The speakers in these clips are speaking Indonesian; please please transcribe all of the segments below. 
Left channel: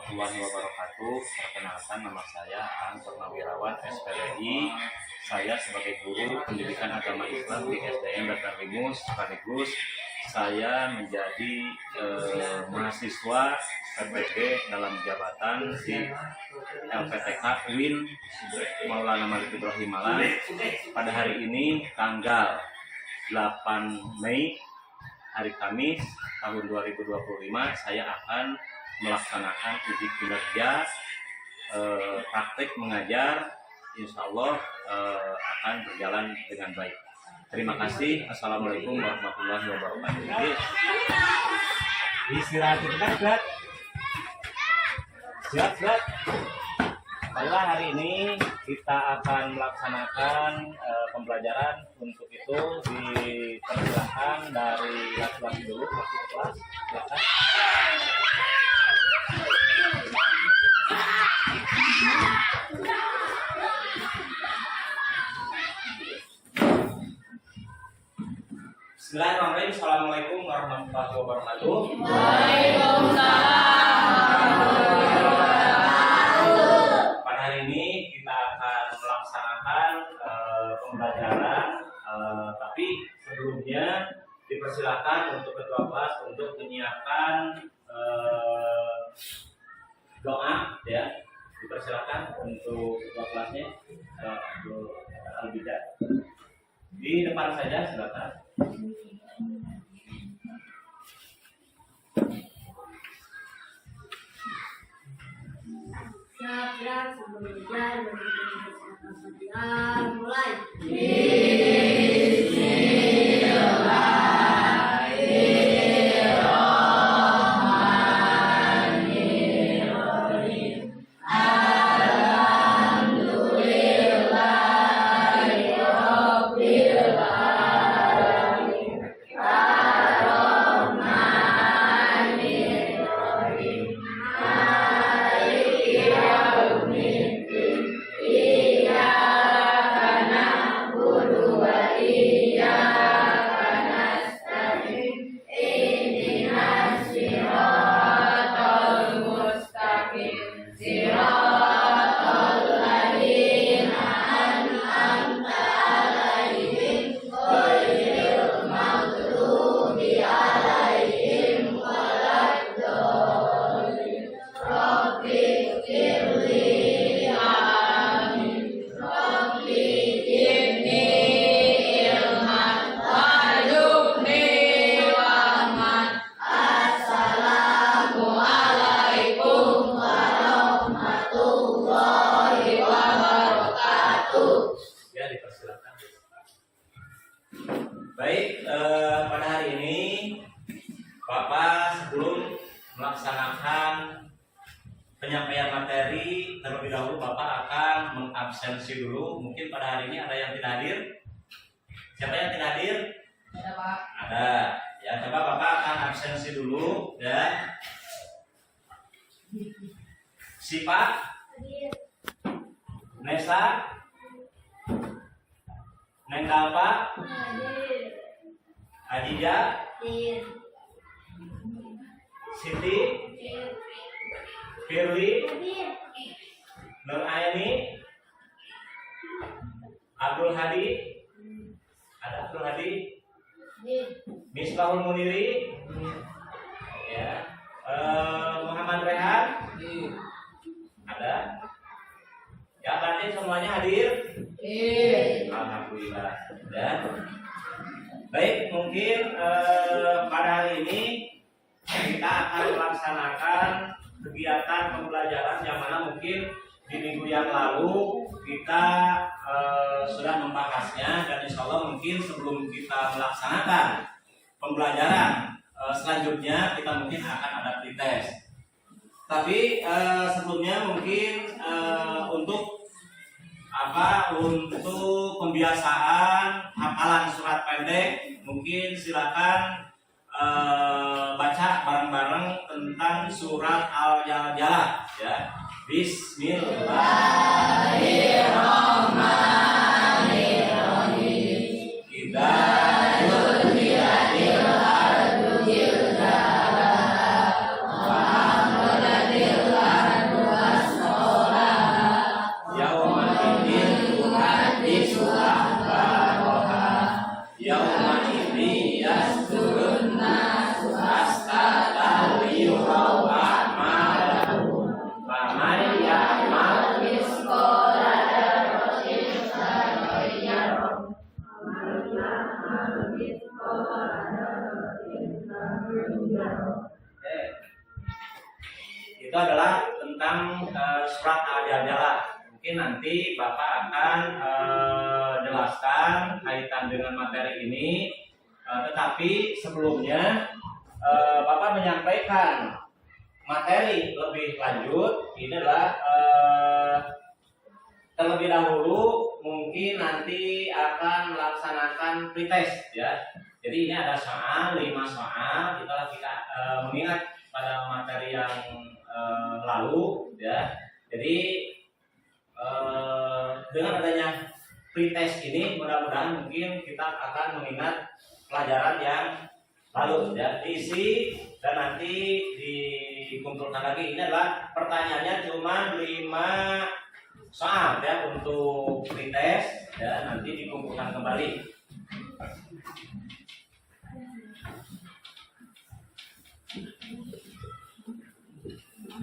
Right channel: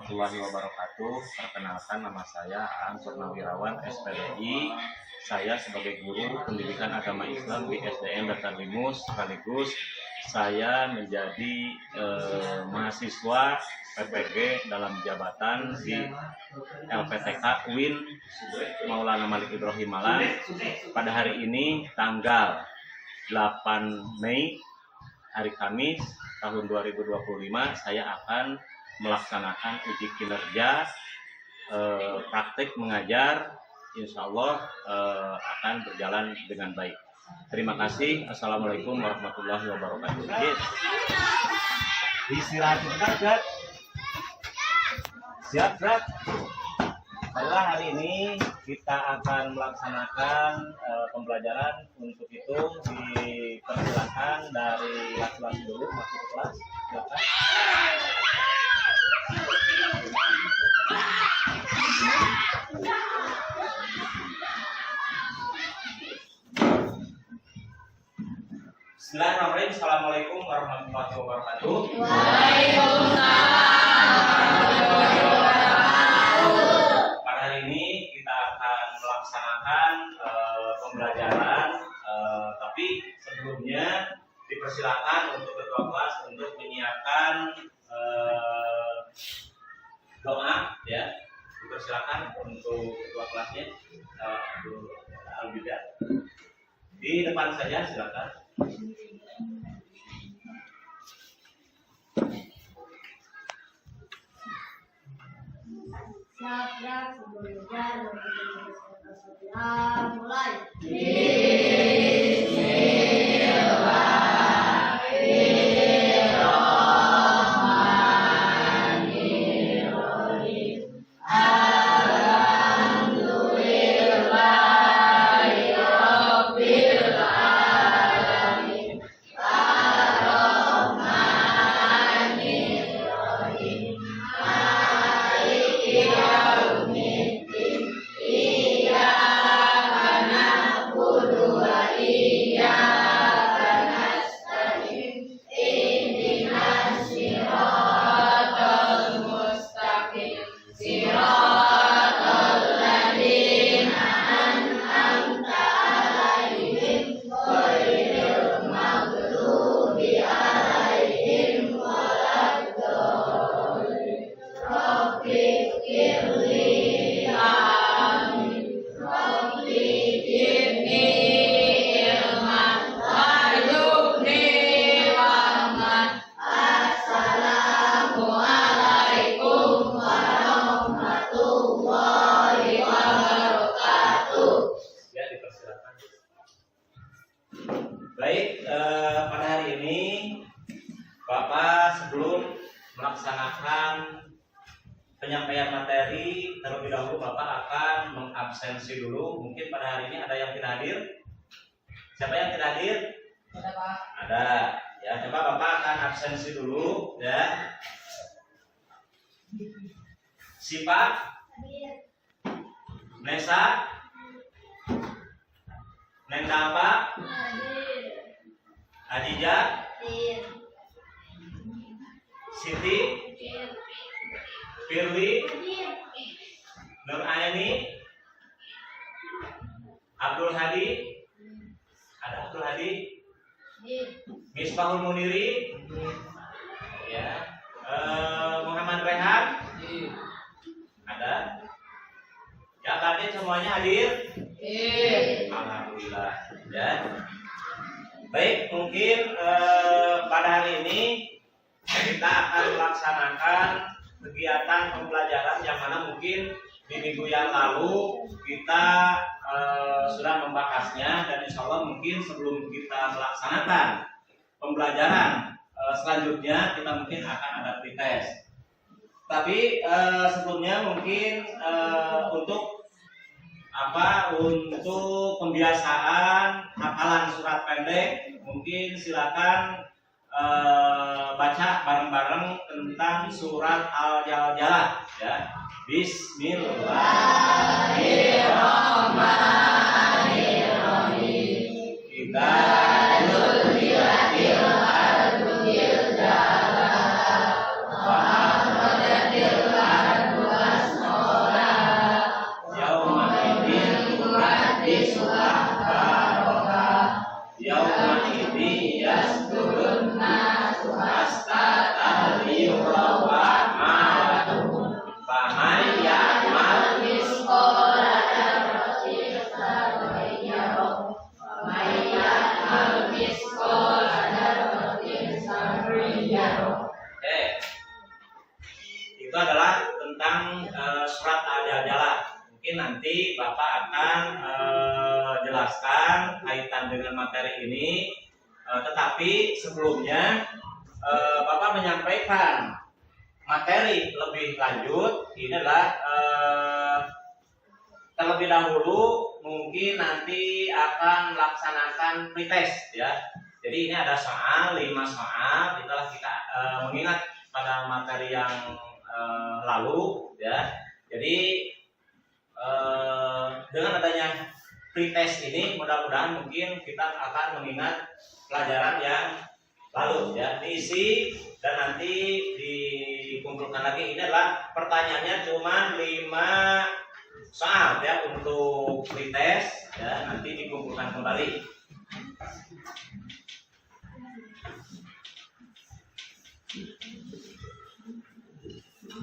warahmatullahi wabarakatuh. Perkenalkan, nama saya Aan Purnawirawan, SPDI. Saya sebagai guru pendidikan agama Islam di SDN Batarlimus, sekaligus saya menjadi mahasiswa PPG dalam jabatan di LPTK UIN Maulana Malik Ibrahim Malang. Pada hari ini tanggal 8 Mei, hari Kamis tahun 2025, saya akan melaksanakan uji kinerja praktik mengajar. Insya Allah akan berjalan dengan baik. Terima kasih. Assalamualaikum warahmatullahi wabarakatuh. Istirahat sebentar, Brad. Siap, Brad. Baiklah, hari ini kita akan melaksanakan pembelajaran. Untuk itu dipersilakan dari laki-laki dulu masuk ke kelas. Silakan. Bismillahirrahmanirrahim. Assalamualaikum warahmatullahi wabarakatuh. Pada hari ini kita akan melaksanakan pembelajaran, tapi sebelumnya dipersilakan untuk ketua kelas untuk menyiapkan doa, ya. Dipersilakan untuk ketua kelasnya, Al-Bida. Di depan saja, silakan. Siap, sebelum belajar mulai. Baik, pada hari ini Bapak sebelum melaksanakan penyampaian materi, terlebih dahulu Bapak akan mengabsensi dulu. Mungkin pada hari ini ada yang tidak hadir. Siapa yang tidak hadir? Ada, Pak. Ada. Ya, coba Bapak akan absensi dulu, ya. Sipa, Nesa, Nendapa, Adija, Siti, Firly, Nur Ayani, Abdul Hadi, ada Abdul Hadi, Misbahul Muniri, ya, Muhammad Rehan, ada. Ya, tadi semuanya hadir. Alhamdulillah. Ya. Baik, mungkin pada hari ini kita akan melaksanakan kegiatan pembelajaran yang mana mungkin di minggu yang lalu kita sudah membahasnya, dan insya Allah mungkin sebelum kita melaksanakan pembelajaran selanjutnya kita mungkin akan ada pretest. Tapi sebelumnya mungkin untuk pembiasaan hafalan surat pendek, mungkin silakan baca bareng-bareng tentang surat Al-Jaljalah, ya. Bismillahirrahmanirrahim. Kita wa Oke. Itu adalah tentang surat Al-Jaljalah. Mungkin nanti Bapak akan jelaskan kaitan dengan materi ini. Tetapi sebelumnya Bapak menyampaikan materi lebih lanjut. Ini adalah terlebih dahulu mungkin nanti akan melaksanakan pretest ya. Jadi ini ada soal 5 soal. Kita mengingat pada materi yang lalu ya. Jadi dengan adanya pretest ini mudah-mudahan mungkin kita akan mengingat pelajaran yang lalu ya, diisi dan nanti dikumpulkan lagi. Ini adalah pertanyaannya cuma 5 soal ya untuk pretest ya, nanti dikumpulkan kembali.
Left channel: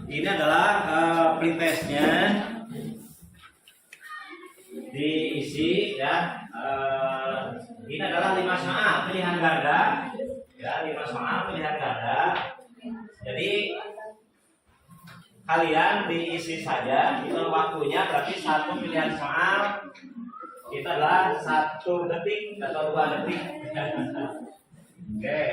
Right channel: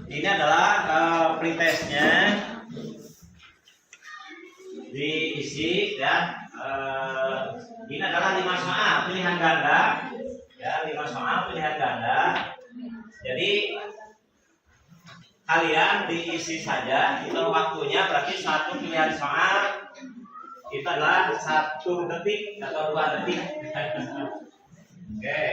Ini adalah pretestnya, diisi ya. Ini adalah 5 soal pilihan ganda ya, 5 soal pilihan ganda. Jadi kalian diisi saja, itu waktunya berarti 1 pilihan soal itu adalah 1 detik atau 2 detik. Oke.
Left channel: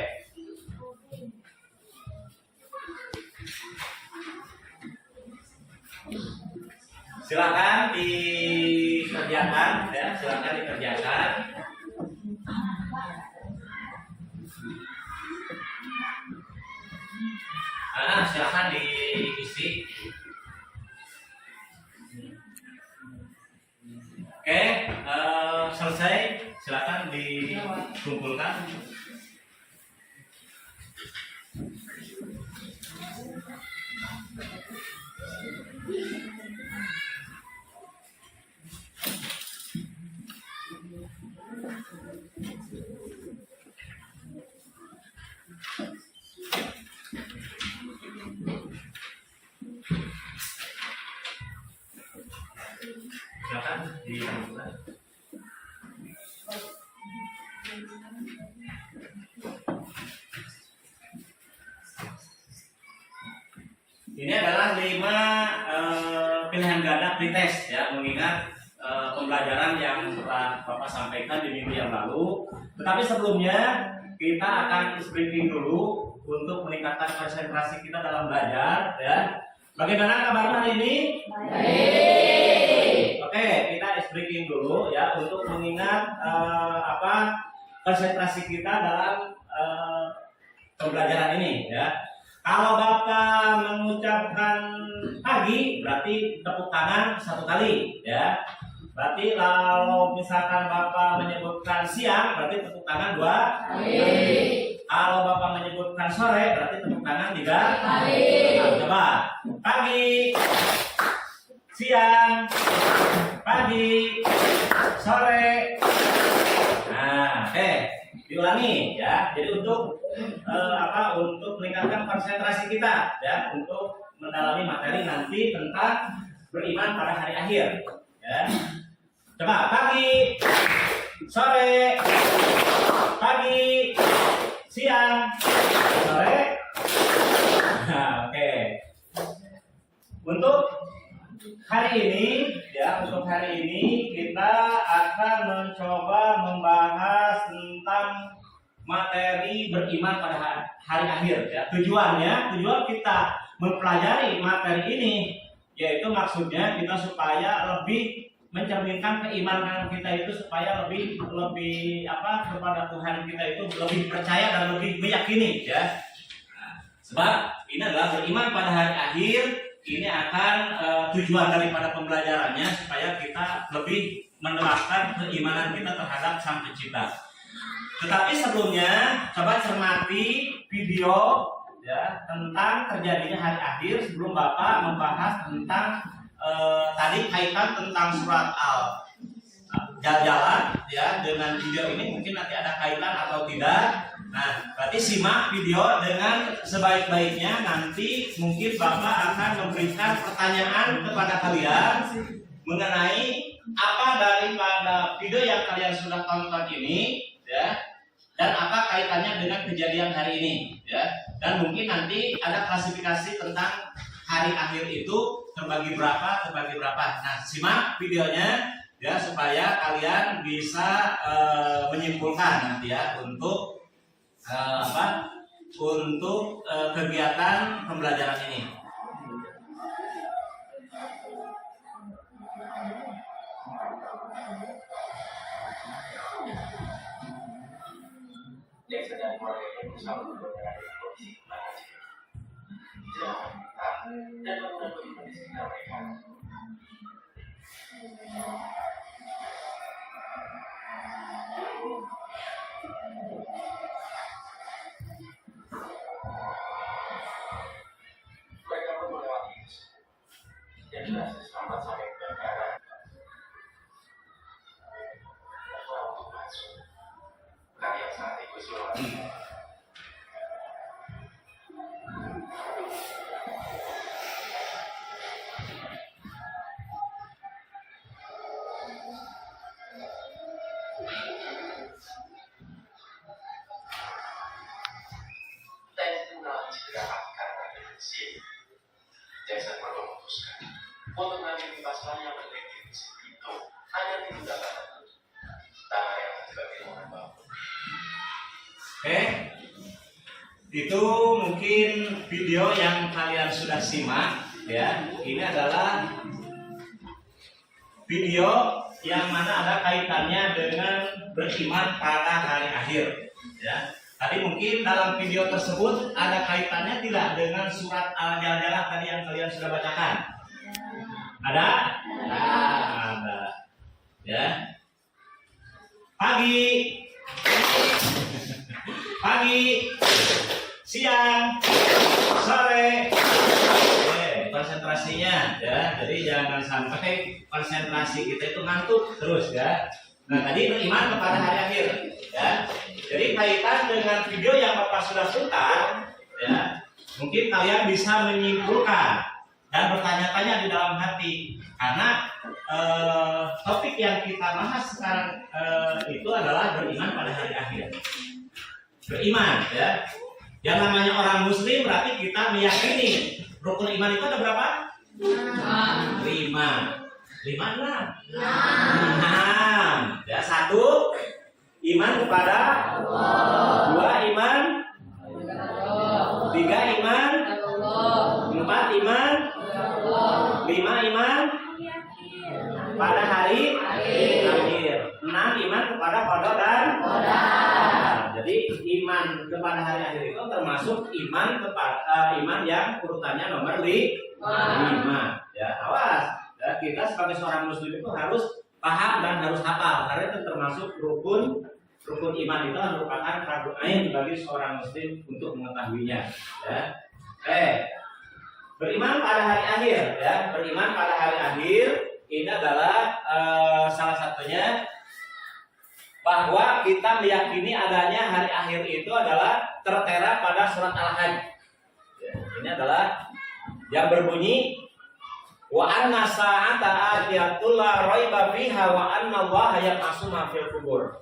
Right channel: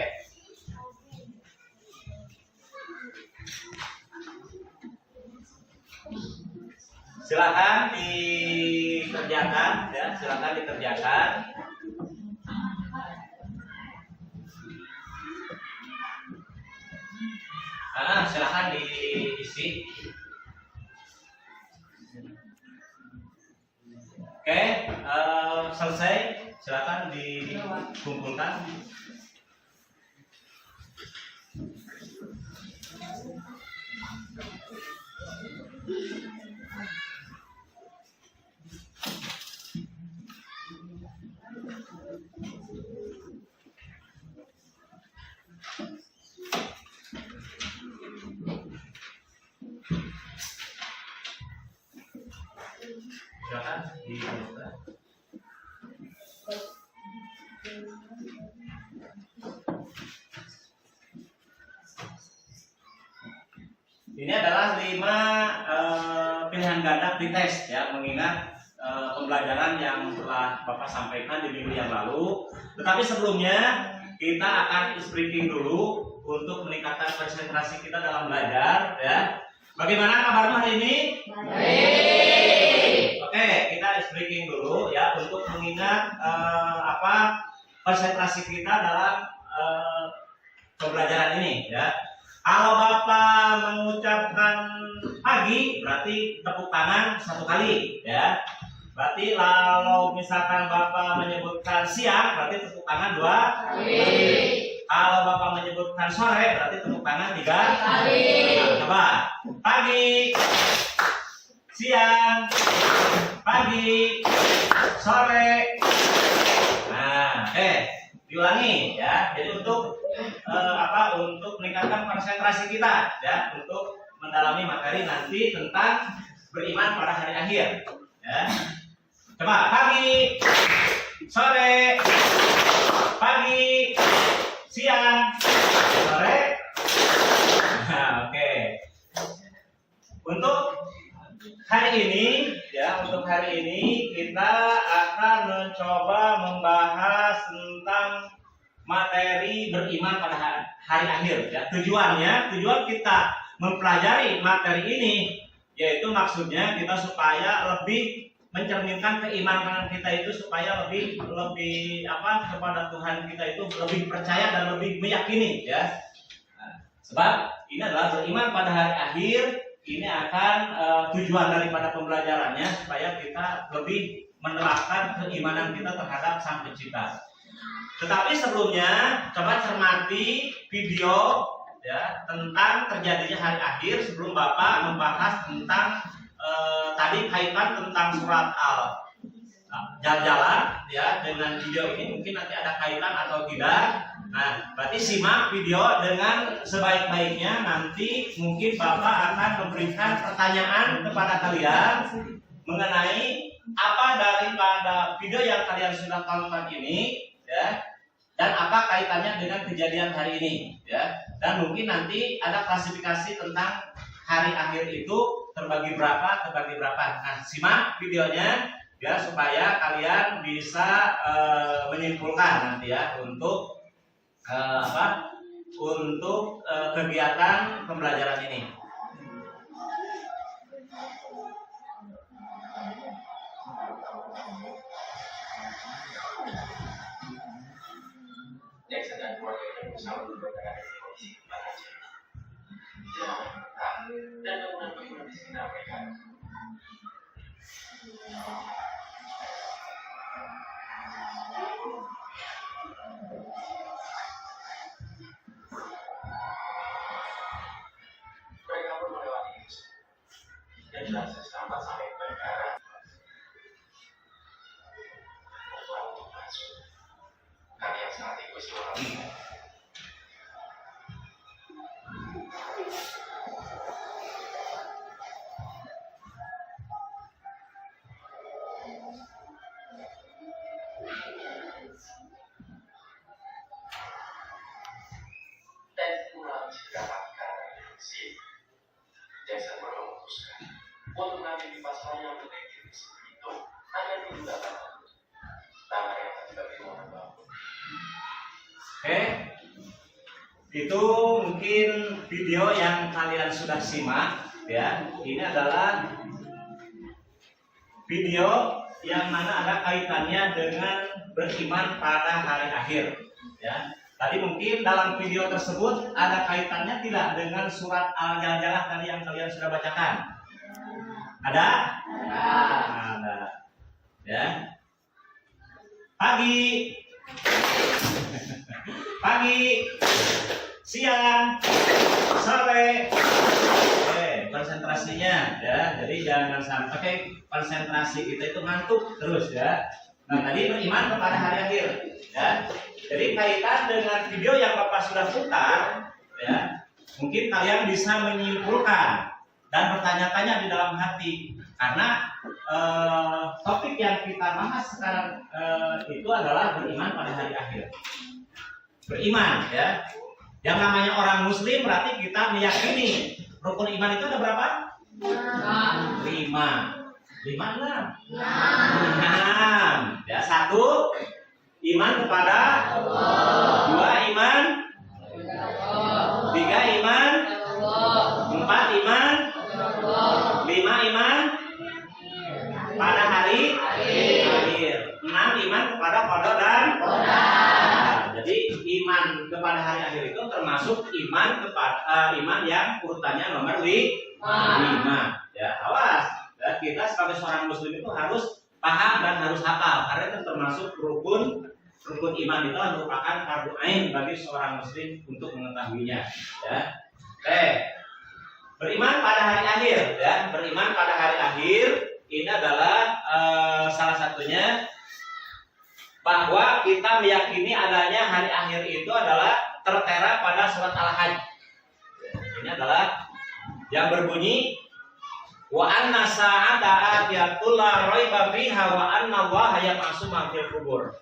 Silakan dikerjakan ya, silakan dikerjakan. Silakan diisi. Oke, selesai. Silakan dikumpulkan. Silakan dikumpulkan. Ini adalah 5 pilihan ganda pretest ya, mengingat pembelajaran yang telah Bapak sampaikan di minggu yang lalu. Tetapi sebelumnya kita akan breaking dulu untuk meningkatkan konsentrasi kita dalam belajar ya. Bagaimana kabarnya hari ini? Baik. Oke, kita breaking dulu ya untuk mengingat konsentrasi kita dalam pembelajaran ini ya. Kalau Bapak mengucapkan pagi berarti tepuk tangan 1 kali ya. Berarti kalau misalkan Bapak menyebutkan siang berarti tepuk tangan 2 kali. Kalau Bapak menyebutkan sore berarti tepuk tangan 3 kali. Coba. Pagi, siang, pagi, sore. Nah, diulangi ya. Jadi untuk untuk meningkatkan konsentrasi kita ya, untuk mendalami materi nanti tentang beriman pada hari akhir ya. Coba pagi, sore, pagi, siang, sore. Nah, oke. Untuk hari ini ya, untuk hari ini kita akan mencoba membahas tentang materi beriman pada hari akhir ya. Tujuan kita mempelajari materi ini yaitu maksudnya kita supaya lebih mencerminkan keimanan kita itu, supaya lebih kepada Tuhan kita itu lebih percaya dan lebih meyakini ya. Sebab ini adalah beriman pada hari akhir, ini akan tujuan daripada pembelajarannya supaya kita lebih menerapkan keimanan kita terhadap Sang Pencipta. Tetapi sebelumnya coba cermati video ya tentang terjadinya hari akhir sebelum Bapak membahas tentang tadi kaitan tentang surat Al-Jaljalah ya. Dengan video ini mungkin nanti ada kaitan atau tidak. Nah, berarti simak video dengan sebaik-baiknya. Nanti mungkin Bapak akan memberikan pertanyaan kepada kalian mengenai apa daripada video yang kalian sudah tonton ini ya. dan apa kaitannya dengan kejadian hari ini, ya. Dan mungkin nanti ada klasifikasi tentang hari akhir itu terbagi berapa. Nah, simak videonya ya supaya kalian bisa menyimpulkan nanti ya untuk kegiatan pembelajaran ini. Jackson dan keluarganya berusaha menurunkan kondisi kemana dan bangunan-bangunan di sekitar mereka. Mereka pun melewati itu dan berhasil selamat sampai ke negara. Untuk masuk karya sangat egois luar biasa. Jackson memutuskan untuk mengambil pasal yang berdekat itu hanya tidak akan tanah yang sebagai rumah bangun. Oke, itu mungkin video yang kalian sudah simak ya. Ini adalah video yang mana ada kaitannya dengan beriman pada hari akhir ya. Tadi mungkin dalam video tersebut ada kaitannya tidak dengan surat Al-Jaljalah tadi yang kalian sudah bacakan? Ada? Ada. Ya. Pagi, siang, sore. Oke, konsentrasinya ya. Jadi jangan sampai konsentrasi kita itu ngantuk terus ya. Nah, tadi beriman kepada hari akhir ya. Jadi kaitan dengan video yang Bapak sudah putar ya, mungkin kalian bisa menyimpulkan dan bertanya-tanya di dalam hati karena topik yang kita bahas sekarang itu adalah beriman pada hari akhir. Beriman ya. Yang namanya orang muslim berarti kita meyakini rukun iman itu ada berapa? 5. 5 enam. Ya, 1 iman kepada Allah. 2 iman. 3 iman. 4 iman. 5 iman pada hari akhir. 6 iman kepada qada dan qadar. Jadi iman kepada hari akhir itu termasuk iman kepada iman yang urutannya nomor 5. Ya, awas. Ya, kita sebagai seorang muslim itu harus paham dan harus hafal karena itu termasuk rukun iman itu merupakan fardu ain bagi seorang muslim untuk mengetahuinya ya. Beriman pada hari akhir ya. Beriman pada hari akhir ini adalah salah satunya bahwa kita meyakini adanya hari akhir itu adalah tertera pada surat Al-Hajj. Ini adalah yang berbunyi wa anna sa'ata atiyatul la raiba fiha wa anna Allaha yab'atsu ma fil qubur.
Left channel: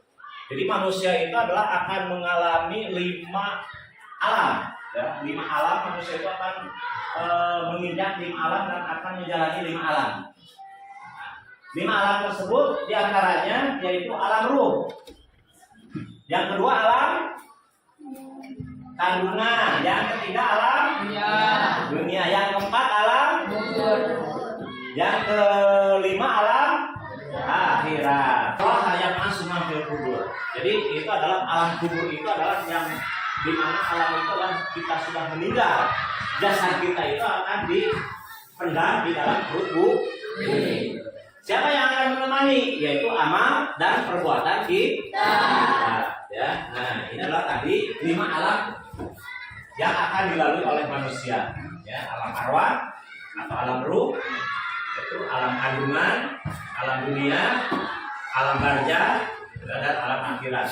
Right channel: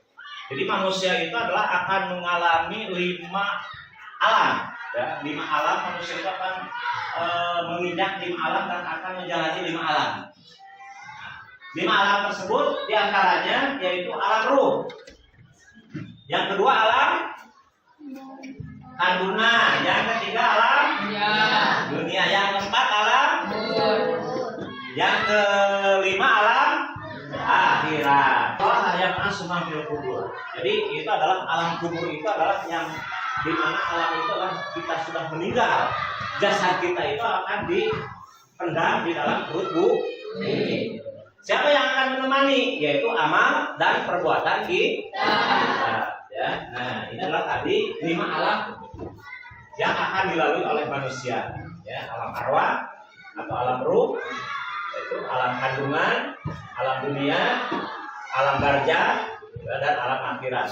Jadi manusia itu adalah akan mengalami 5 alam ya. 5 alam manusia itu akan menginjak 5 alam dan akan menjalani 5 alam. 5 alam tersebut diantaranya yaitu alam ruh. Yang kedua alam kandungan, yang ketiga alam dunia, yang keempat alam yang kelima alam akhirat. Allah yang asma fil kubur. Jadi itu adalah alam kubur itu adalah yang dimana alam itu adalah kita sudah meninggal. Jasad kita itu akan dipendam di dalam perut bumi. Siapa yang akan menemani? Yaitu amal dan perbuatan kita. Ya. Nah, ini adalah tadi 5 alam yang akan dilalui oleh manusia. Ya, alam arwah atau alam ruh, yaitu alam kandungan, alam dunia, alam barzah, dan alam akhirat.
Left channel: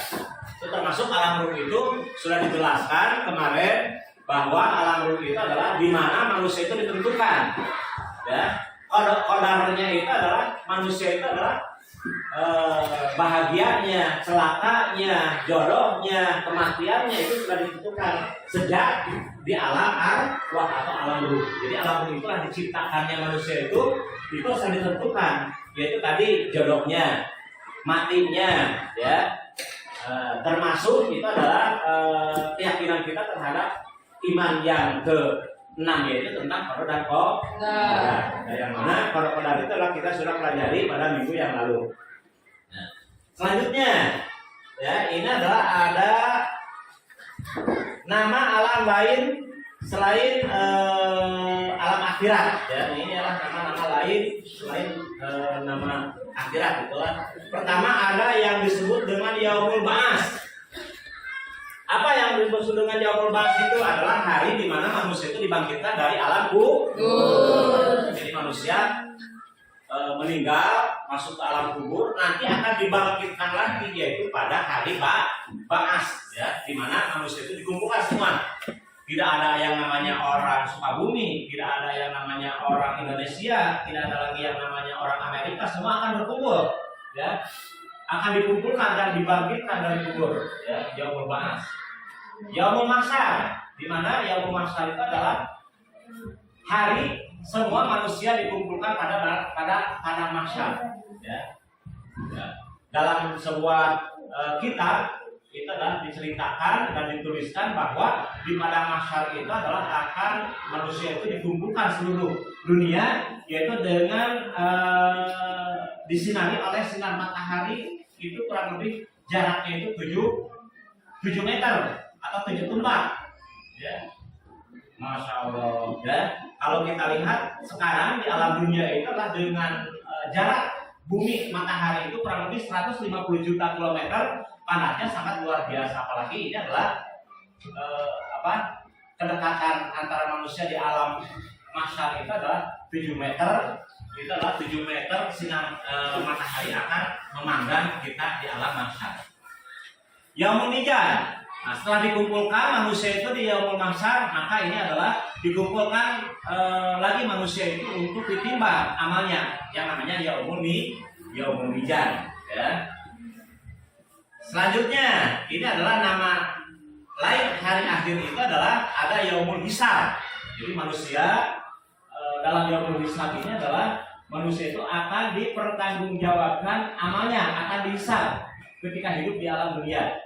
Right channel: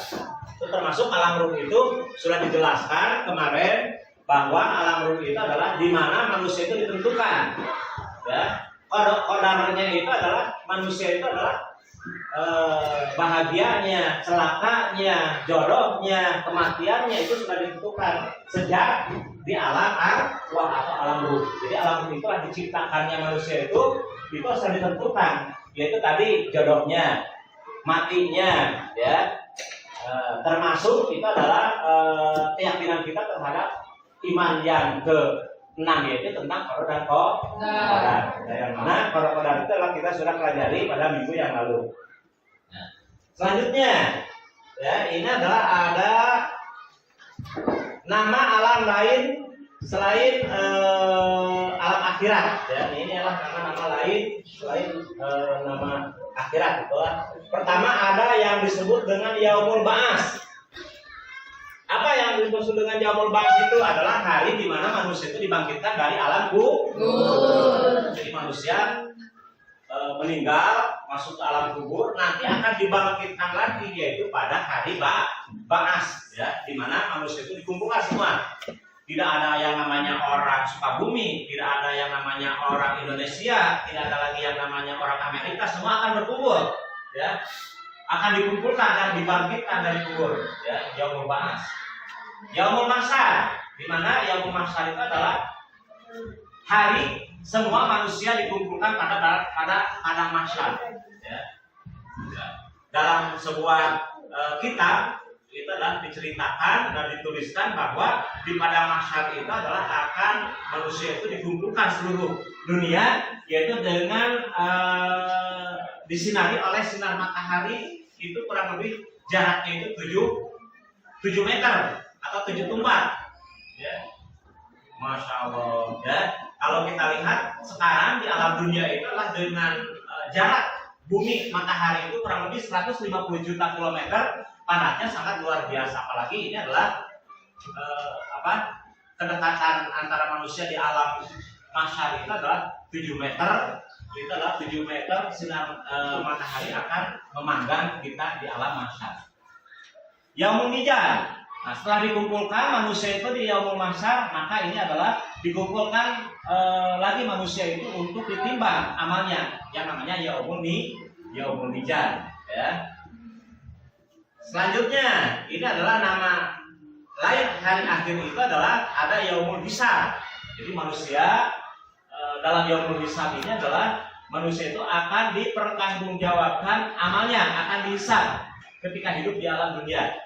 Itu termasuk alam ruh itu sudah dijelaskan kemarin bahwa alam ruh itu adalah di mana manusia itu ditentukan. Ya, kodarnya itu adalah manusia itu adalah bahagianya, celakanya, jodohnya, kematiannya itu sudah ditentukan sejak di alam arwah atau alam ruh. Jadi alam ruh itulah diciptakannya manusia itu sudah ditentukan, yaitu tadi jodohnya, matinya, ya. Termasuk itu adalah keyakinan kita terhadap iman yang ke-6, yaitu tentang qada dan qadar. Yang mana qada qadar itu adalah kita sudah pelajari pada minggu yang lalu. Nah, selanjutnya, ya ini adalah ada nama alam lain selain alam akhirat. Ya, ini adalah nama-nama lain selain nama akhirat, itulah. Pertama ada yang disebut dengan Yaumul Ba'ats. Apa yang disebut dengan Yaumul Ba'ats itu adalah hari di mana manusia itu dibangkitkan dari alam kubur. Jadi manusia meninggal masuk ke alam kubur, nanti akan dibangkitkan lagi, yaitu pada hari Ba'ats, ya, di mana manusia itu dikumpulkan semua. Tidak ada yang namanya orang Sukabumi, tidak ada yang namanya orang Indonesia, tidak ada lagi yang namanya orang Amerika, semua akan berkumpul, ya, akan dikumpulkan dan dibangkitkan dari kubur, ya, Yaumul Ba'ats. Yaumul Mahsyar, di mana Yaumul Mahsyar itu adalah hari semua manusia dikumpulkan pada padang mahsyar, ya. Dalam sebuah kitab itu adalah diceritakan dan dituliskan bahwa di padang mahsyar itu adalah akan manusia itu dikumpulkan seluruh dunia, yaitu dengan disinari oleh sinar matahari, itu kurang lebih jaraknya itu 7 meter atau 7 tumbak, ya. Masya Allah, ya. Kalau kita lihat sekarang di alam dunia itu adalah dengan jarak bumi matahari itu kurang lebih 150 juta kilometer, panasnya sangat luar biasa. Apalagi ini adalah kedekatan antara manusia di alam mahsyar itu adalah 7 meter. Itu adalah 7 meter sinar matahari akan memanggang kita di alam mahsyar. Yaumul Mizan. Nah, setelah dikumpulkan manusia itu di Yaumul Mahsyar, maka ini adalah dikumpulkan lagi manusia itu untuk ditimbang amalnya, yang namanya Yaumul Mizan, ya. Selanjutnya, ini adalah nama lain hari akhir itu adalah ada Yaumul Hisab. Jadi manusia dalam Yaumul Hisab ini adalah manusia itu akan dipertanggungjawabkan amalnya, akan dihisab ketika hidup di alam dunia.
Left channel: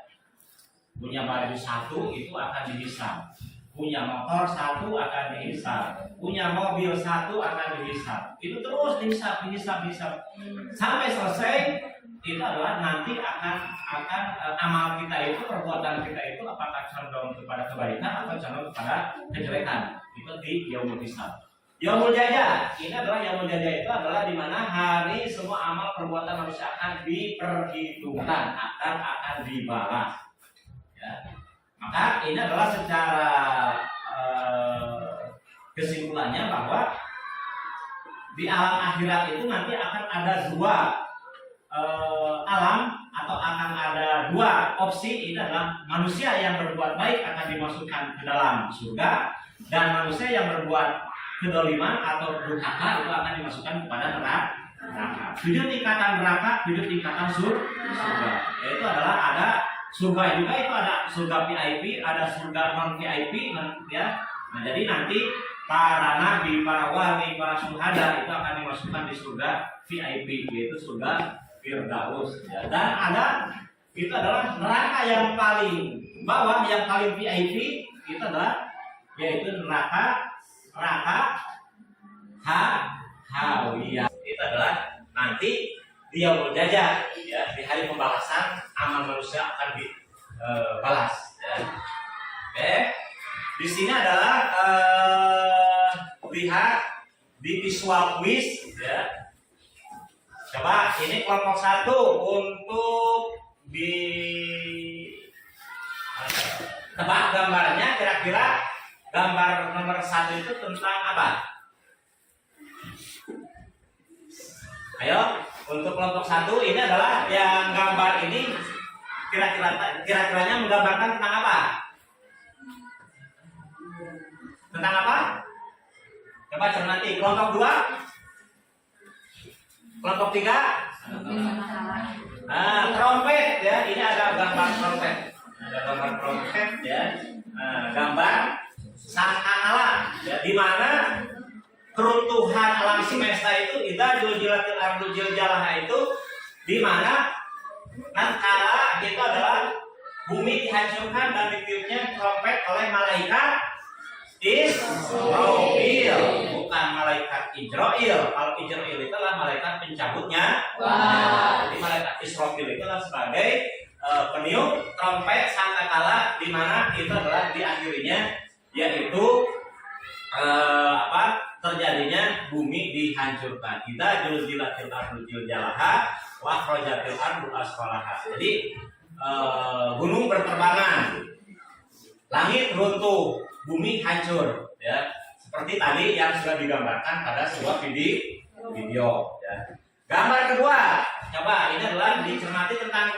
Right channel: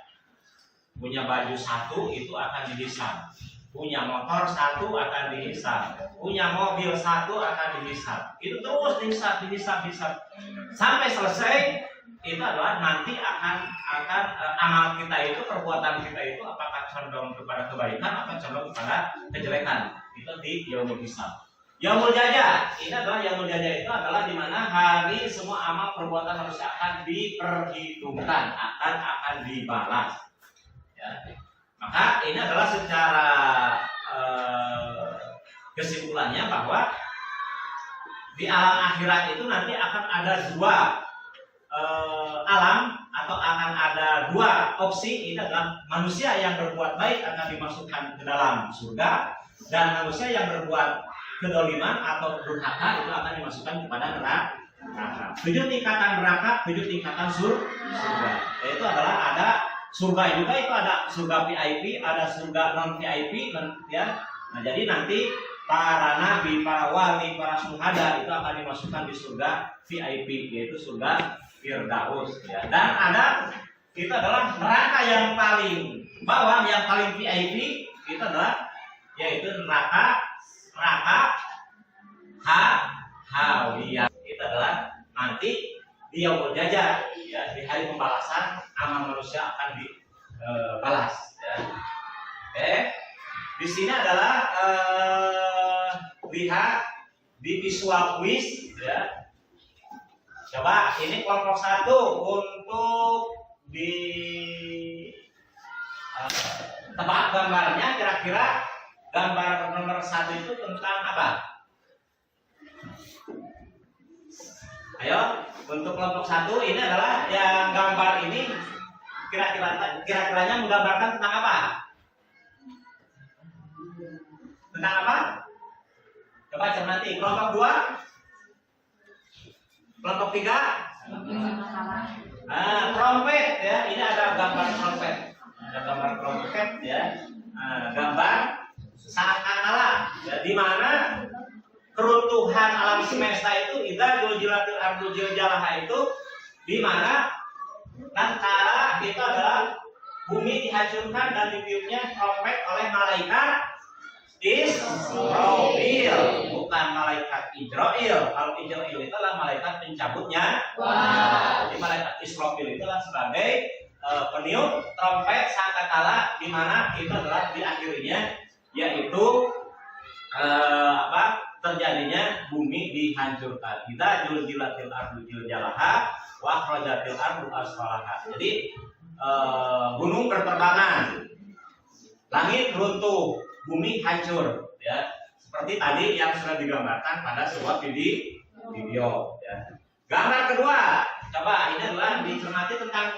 Punya baju satu itu akan dihisab, punya motor satu akan dihisab, punya mobil satu akan dihisab. Itu terus dihisab sampai selesai. Itu adalah nanti akan amal kita itu, perbuatan kita itu apakah condong kepada kebaikan atau condong kepada kejelekan. Itu di Yaumul Hisab. Yaumul Jaza, ini adalah Yaumul Jaza itu adalah di mana hari semua amal perbuatan manusia akan diperhitungkan, akan dibalas. Ya. Maka ini adalah secara kesimpulannya bahwa di alam akhirat itu nanti akan ada 2 alam, atau akan ada 2 opsi. Ini adalah manusia yang berbuat baik akan dimasukkan ke dalam surga, dan manusia yang berbuat kedoliman atau durhaka itu akan dimasukkan kepada neraka. 7 tingkatan neraka, 7 tingkatan surga. Yaitu adalah ada surga juga, itu ada surga VIP, ada surga non VIP, ya. Nah, jadi nanti para nabi, para wali, para syuhada itu akan dimasukkan di surga VIP, yaitu surga Firdaus, ya. Dan ada itu adalah neraka yang paling bawah, yang paling VIP itu adalah yaitu neraka Hawiyah. Itu adalah nanti di Yaumul Jaza, ya, di hari pembalasan amal manusia akan dibalas, ya. Oke. Di sini adalah lihat di visual quiz, ya. Coba ini kelompok 1 untuk di tebak gambarnya, kira-kira gambar nomor 1 itu tentang apa? Ayo, untuk kelompok 1 ini adalah yang gambar ini kira-kiranya menggambarkan tentang apa? Tentang apa? Coba cermati. Kelompok 2, kelompok 3, Trompet ya, ini ada gambar trompet. Ada gambar trompet ya. Gambar sangkakala ya, di mana keruntuhan alam semesta itu idza zulzilatil ardu zilzalaha itu di mana tatkala itu adalah bumi dihancurkan dan ditiupnya trompet oleh malaikat Israfil, bukan malaikat Ijrail. Kalau Ijrail itu adalah malaikat pencabutnya. Jadi malaikat Israfil itu adalah sebagai peniup trompet sangkakala di mana itu adalah diakhirinya yaitu terjadinya bumi dihancurkan. Kita zulzilatil ardu zilzalaha wa akhrajatil ardu asfalaha. Jadi gunung berterbangan, langit runtuh, bumi hancur ya. Seperti tadi yang sudah digambarkan pada sebuah video ya. Gambar kedua, coba ini adalah dicermati tentang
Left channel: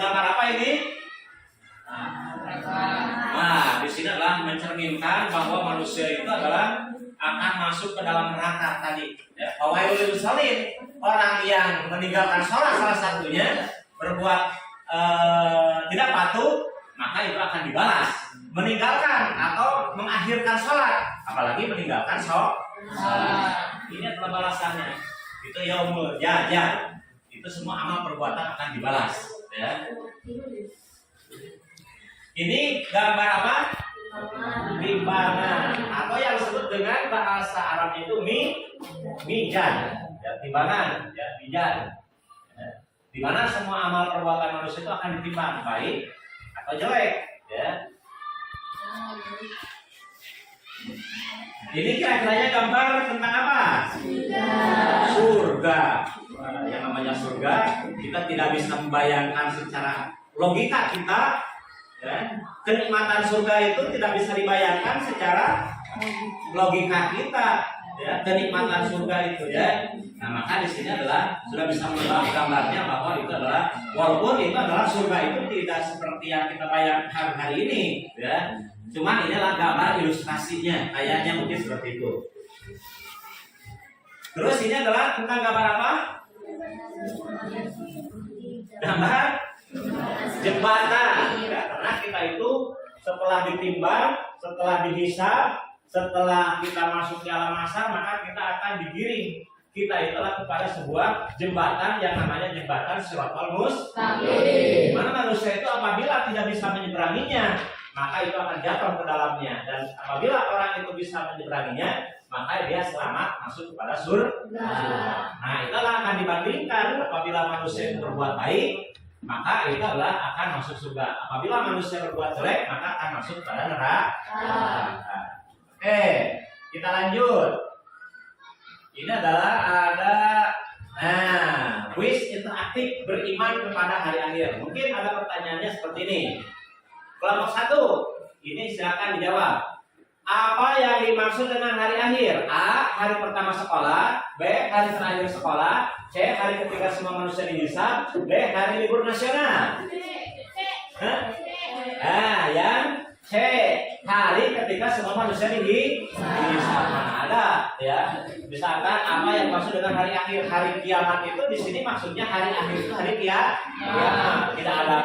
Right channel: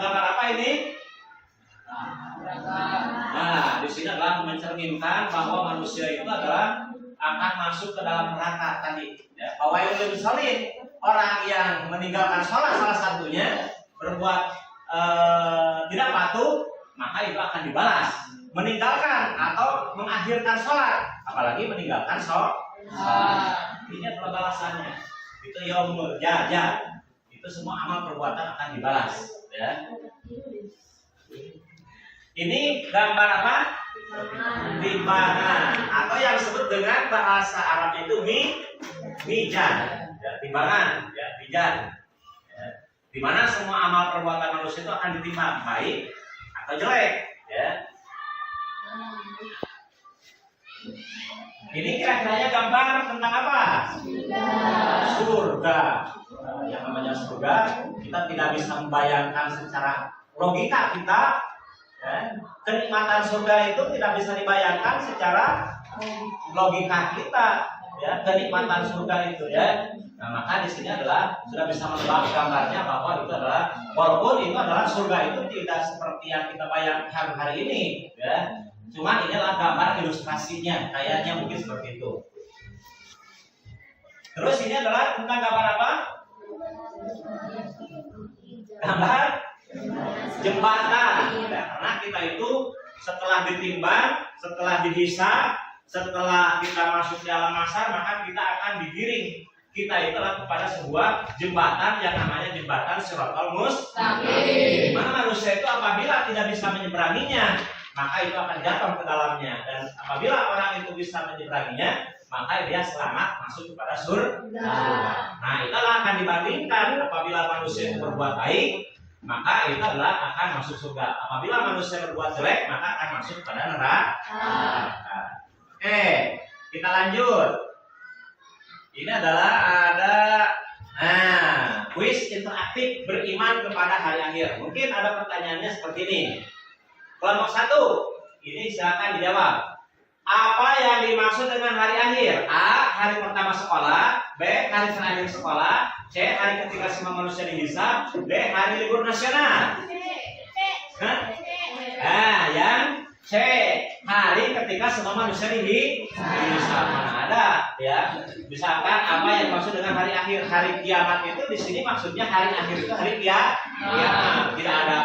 gambar apa ini? Nah, di sini adalah mencerminkan bahwa manusia itu adalah akan masuk ke dalam neraka tadi. Ya. Fawailul lil musallin, orang yang meninggalkan sholat salah satunya berbuat tidak patuh, maka itu akan dibalas. Meninggalkan atau mengakhirkan sholat, apalagi meninggalkan sholat, ini adalah balasannya. Itu yaumul jaza. Itu semua amal perbuatan akan dibalas. Ya. Ini gambar apa? Timbangan, atau yang disebut dengan bahasa Arabnya itu mizan, ya, timbangan, ya, mizan. Ya. Di mana semua amal perbuatan manusia itu akan ditimbang baik atau jelek, ya. Ini kira-kiranya gambar tentang apa? Surga. Yang namanya surga, kita tidak bisa membayangkan secara logika kita. Ya. Kenikmatan surga itu tidak bisa dibayangkan secara logika kita. Ya, kenikmatan surga itu ya. Nah, maka di sini adalah sudah bisa menebak gambarnya bahwa itu adalah walaupun itu adalah surga itu tidak seperti yang kita bayangkan hari ini, ya. Cuman ini adalah gambar ilustrasinya, kayaknya mungkin seperti itu. Terus ini adalah tentang gambar apa? Gambar jembatan. Ya, karena kita itu setelah ditimbang, setelah dihisab, setelah kita masuk di alam mahsyar, maka kita akan digiring. Kita itu adalah kepada sebuah jembatan yang namanya jembatan Shiratal Mustaqim. Di mana manusia itu apabila tidak bisa menyeberanginya, maka itu akan jatuh ke dalamnya. Dan apabila orang itu bisa menyeberanginya, maka dia selamat masuk kepada surga. Nah, itulah akan dibandingkan apabila manusia itu berbuat baik, maka itu adalah akan masuk surga. Apabila manusia berbuat jelek, maka akan masuk kepada neraka. Oke, kita lanjut. Ini adalah ada kuis interaktif beriman kepada hari akhir. Mungkin ada pertanyaannya seperti ini. Kelompok 1, ini silakan dijawab. Apa yang dimaksud dengan hari akhir? A. Hari pertama sekolah. B. Hari terakhir sekolah. C. Hari ketika semua manusia dihisab. D. Hari libur nasional. Yang C. Hari ketika semua manusia dihisab. Mana ada ya? Misalkan apa yang dimaksud dengan hari akhir? Hari kiamat itu di sini maksudnya hari akhir itu hari kiamat. Tidak ada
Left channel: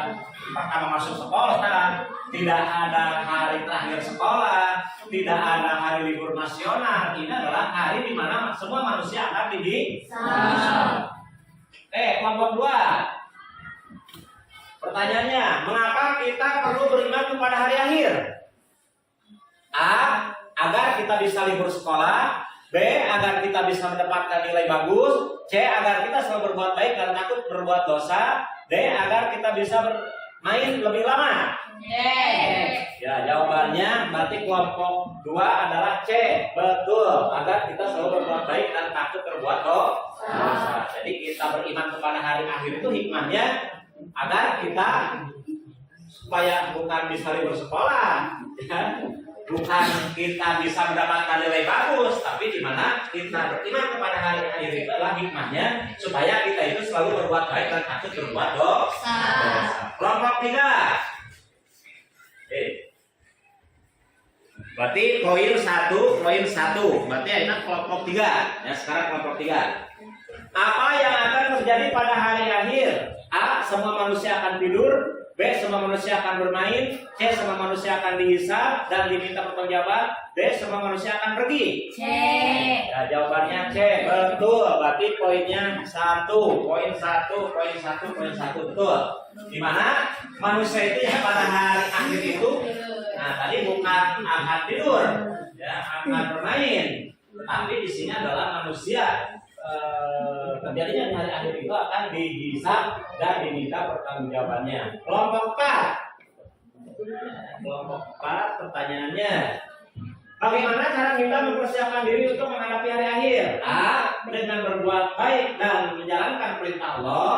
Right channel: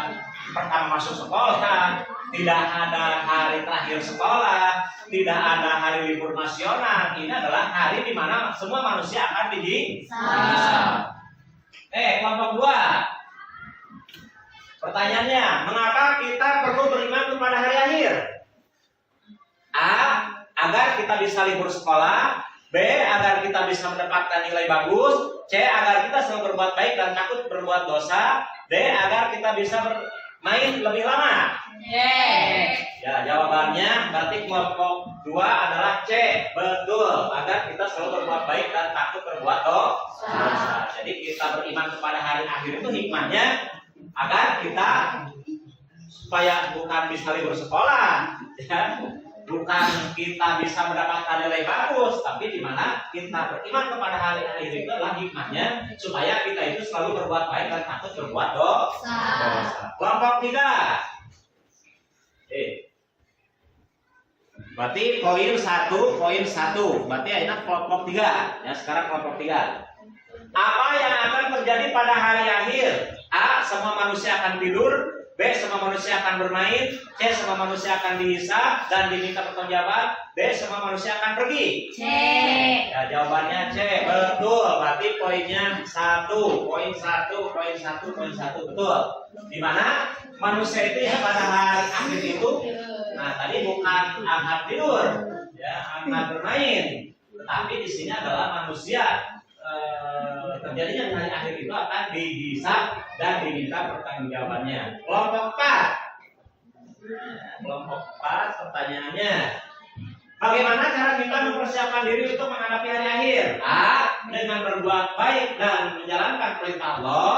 pertama masuk sekolah, tidak ada hari terakhir sekolah, tidak ada hari libur nasional. Ini adalah hari di mana semua manusia akan dihisab. Kelompok 2. Pertanyaannya, mengapa kita perlu beriman kepada hari akhir? A. Agar kita bisa libur sekolah. B. Agar kita bisa mendapatkan nilai bagus. C. Agar kita selalu berbuat baik dan takut berbuat dosa. D. Agar kita bisa main lebih lama. Ya, jawabannya berarti kelompok 2 adalah C. Betul, agar kita selalu berbuat baik dan takut berbuat dosa. Jadi kita beriman kepada hari akhir itu hikmahnya agar kita supaya bukan bisa libur sekolah, ya. Bukan kita bisa mendapatkan nilai bagus, tapi di mana kita beriman kepada hari akhir itu adalah hikmahnya supaya kita itu selalu berbuat baik dan takut berbuat dosa. Kelompok 3. Berarti poin 1. Berarti ini kelompok 3. Ya, sekarang kelompok 3. Apa yang akan terjadi pada hari akhir? A. Semua manusia akan tidur. B. Semua manusia akan bermain. C. Semua manusia akan dihisab dan diminta pertanggungjawaban. D. Semua manusia akan pergi. C. Ya, jawabannya C. Betul. Berarti poinnya 1. Poin 1, poin 1, poin 1. Betul. Di mana manusia itu ya pada hari akhir itu, nah tadi bukan akan tidur, ya akan bermain. Tapi di sini adalah manusia terjadinya di hari akhir itu akan dihisab dan diminta pertanggungjawabannya. Kelompok 4. Kelompok 4 pertanyaannya. Bagaimana cara kita mempersiapkan diri untuk menghadapi hari akhir? A. Dengan berbuat baik dan menjalankan perintah Allah.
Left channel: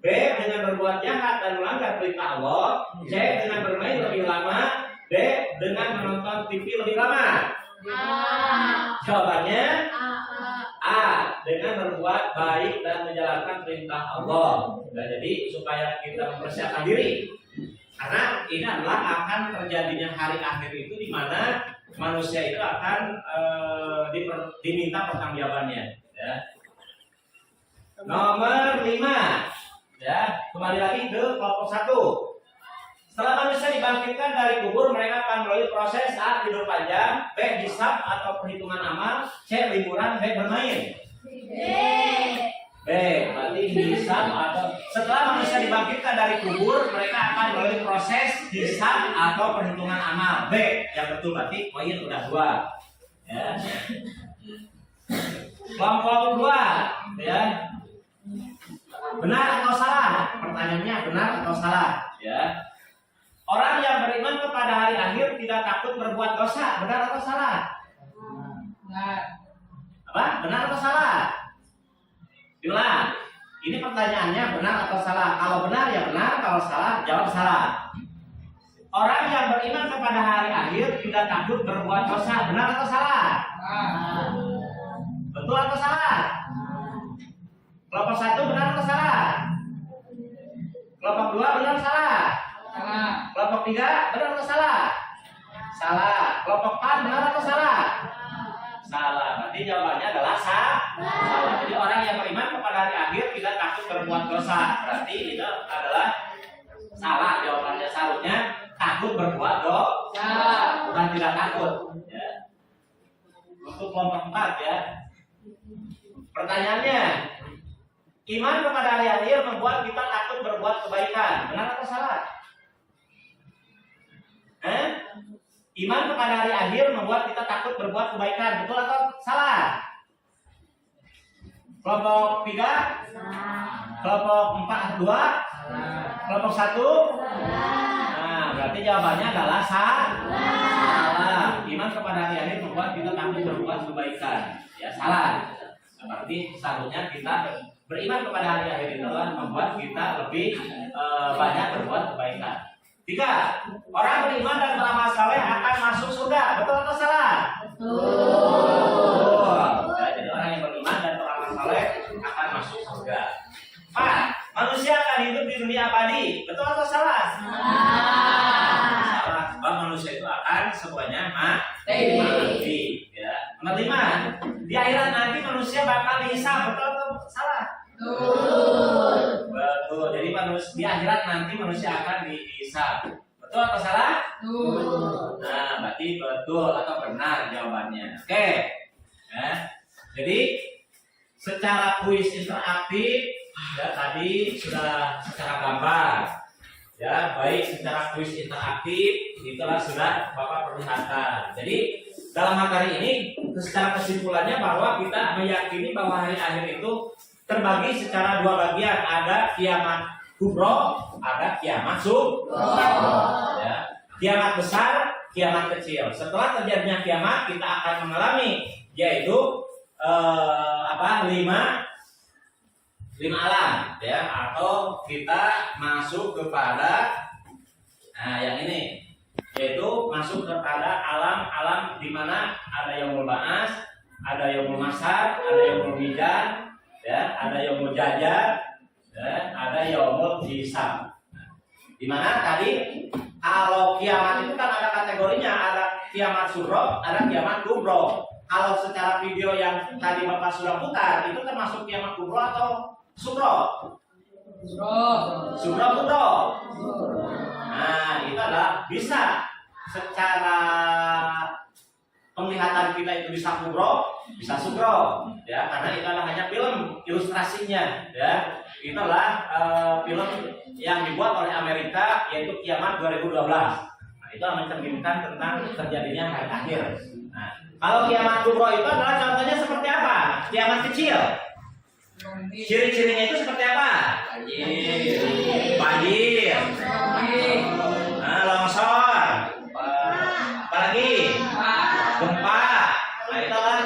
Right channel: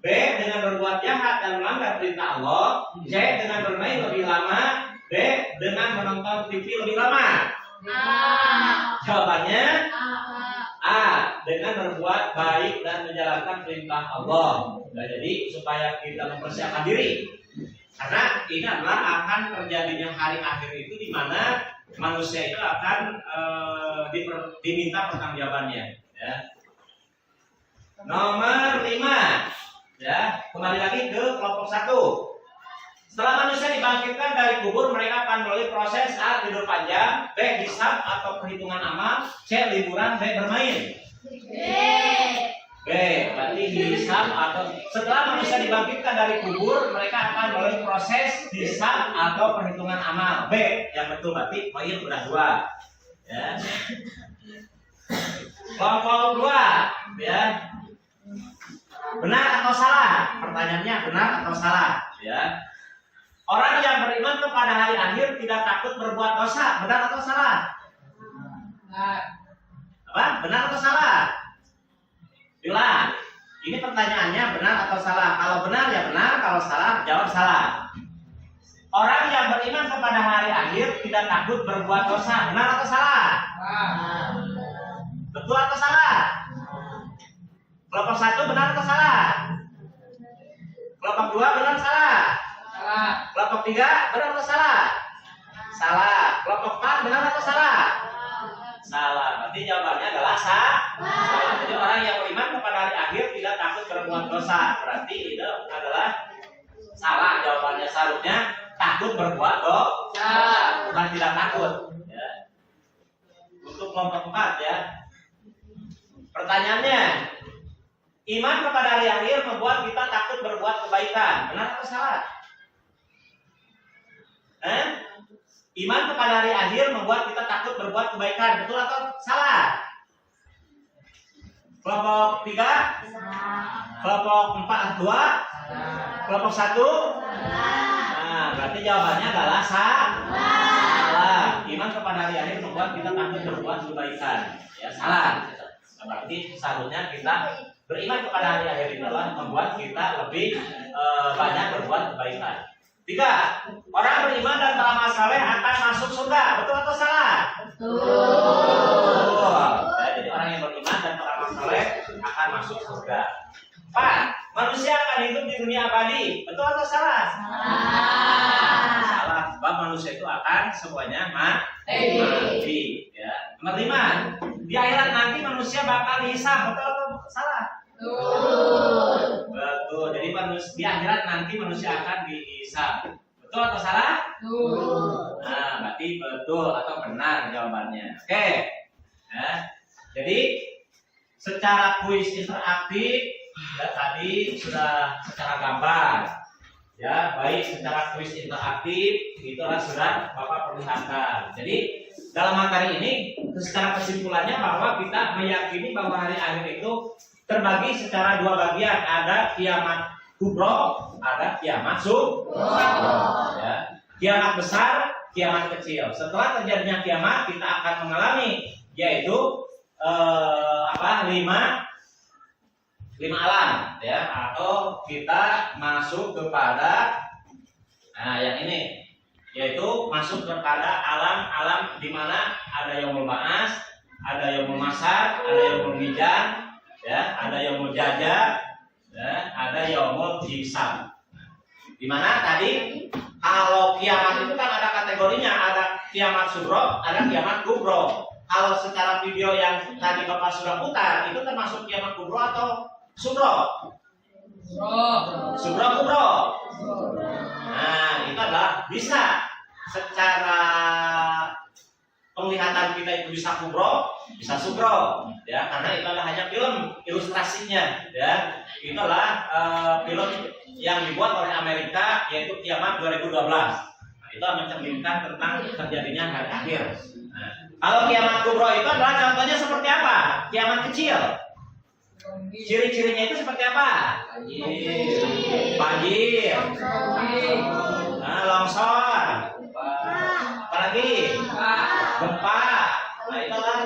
B. Dengan berbuat jahat dan melanggar perintah Allah. C. Dengan bermain lebih lama. D. Dengan menonton TV lebih lama. Jawabannya A. Dengan berbuat baik dan menjalankan perintah Allah. Nah, jadi supaya kita mempersiapkan diri, karena ini adalah akan terjadinya hari akhir itu di mana manusia itu akan diminta pertanggungjawabannya. Ya. Nomor 5. Ya, kembali lagi ke kelompok 1. Setelah manusia dibangkitkan dari kubur, mereka akan melalui proses A. Tidur panjang, B. Hisab atau perhitungan amal, C. Liburan, D. Bermain. B. Berarti hisab atau setelah manusia dibangkitkan dari kubur, mereka akan melalui proses hisab atau perhitungan amal. B. Yang betul berarti poin udah 2. Ya. Kelompok 2. Ya. Benar atau salah? Pertanyaannya benar atau salah? Ya. Orang yang beriman kepada hari akhir tidak takut berbuat dosa. Benar atau salah? Benar. Apa? Benar atau salah? Diulang. Ini pertanyaannya benar atau salah? Kalau benar ya benar, kalau salah jawab salah. Orang yang beriman kepada hari akhir tidak takut berbuat dosa. Benar atau salah? Betul atau salah? Kelompok 1 benar atau salah? Kelompok 2 benar atau salah? Salah. Kelompok 3 benar atau salah? Salah. Kelompok 4 benar atau salah? Salah. Berarti jawabannya adalah salah. Jadi orang yang beriman kepada hari akhir tidak takut berbuat dosa. Berarti itu adalah salah jawabannya. Seharusnya takut berbuat dosa, bukan tidak takut. Ya. Untuk kelompok 4 ya. Pertanyaannya, iman kepada hari akhir membuat kita takut berbuat kebaikan. Benar atau salah? Iman kepada hari akhir membuat kita takut berbuat kebaikan. Betul atau salah? Kelompok 3? Kelompok 4 2? Kelompok 1? Nah, berarti jawabannya adalah salah. Iman kepada hari akhir membuat kita takut berbuat kebaikan. Ya, salah. Berarti seharusnya kita beriman kepada hari akhir itu adalah membuat kita lebih banyak berbuat kebaikan. 3. Orang beriman dan beramal saleh akan masuk surga. Betul atau salah? Betul. Ya, jadi orang yang beriman dan beramal saleh akan masuk surga. 4. Manusia akan hidup di dunia abadi. Betul atau salah? Salah. Sebab manusia itu akan semuanya mati. Ya. Nomor 5. Di akhirat nanti manusia bakal dihisab. Betul atau salah? Betul. Jadi di akhirat nanti manusia akan dihisab. Betul atau salah? Nah, berarti betul atau benar jawabannya. Oke. Ya. Jadi secara kuis interaktif ya tadi sudah secara gambar. Ya, baik secara kuis interaktif itulah sudah Bapak perlihatkan. Jadi dalam materi ini secara kesimpulannya bahwa kita meyakini bahwa hari akhir itu terbagi secara 2 bagian, ada kiamat kubro, ada kiamat sughro. Ya. Kiamat besar, kiamat kecil. Setelah terjadinya kiamat, kita akan mengalami yaitu 5 alam, ya, atau kita masuk kepada yang ini, yaitu masuk kepada alam-alam di mana ada yaumul ba'ats, ada yaumul mahsyar, ada yaumul mizan. Ya, ada yaumul jaza, ya, ada yaumul hisab. Di mana tadi kalau kiamat itu kan ada kategorinya, ada kiamat sughro, ada kiamat kubro. kalau secara video yang tadi Bapak sudah putar, itu termasuk kiamat kubro atau sugro? Sugro kubro. Nah, itu adalah bisa secara penglihatan kita itu bisa kubro, bisa sugro, ya, karena itu adalah hanya film ilustrasinya, ya. Itu adalah film yang dibuat oleh Amerika, yaitu Kiamat 2012. Nah, itu mencerminkan tentang terjadinya hari akhir. Nah, kalau kiamat kubro itu adalah contohnya seperti apa? Kiamat kecil. Ciri-cirinya itu seperti apa? Banjir. Nah, longsor. Apalagi? Gempa. Nah, itu kan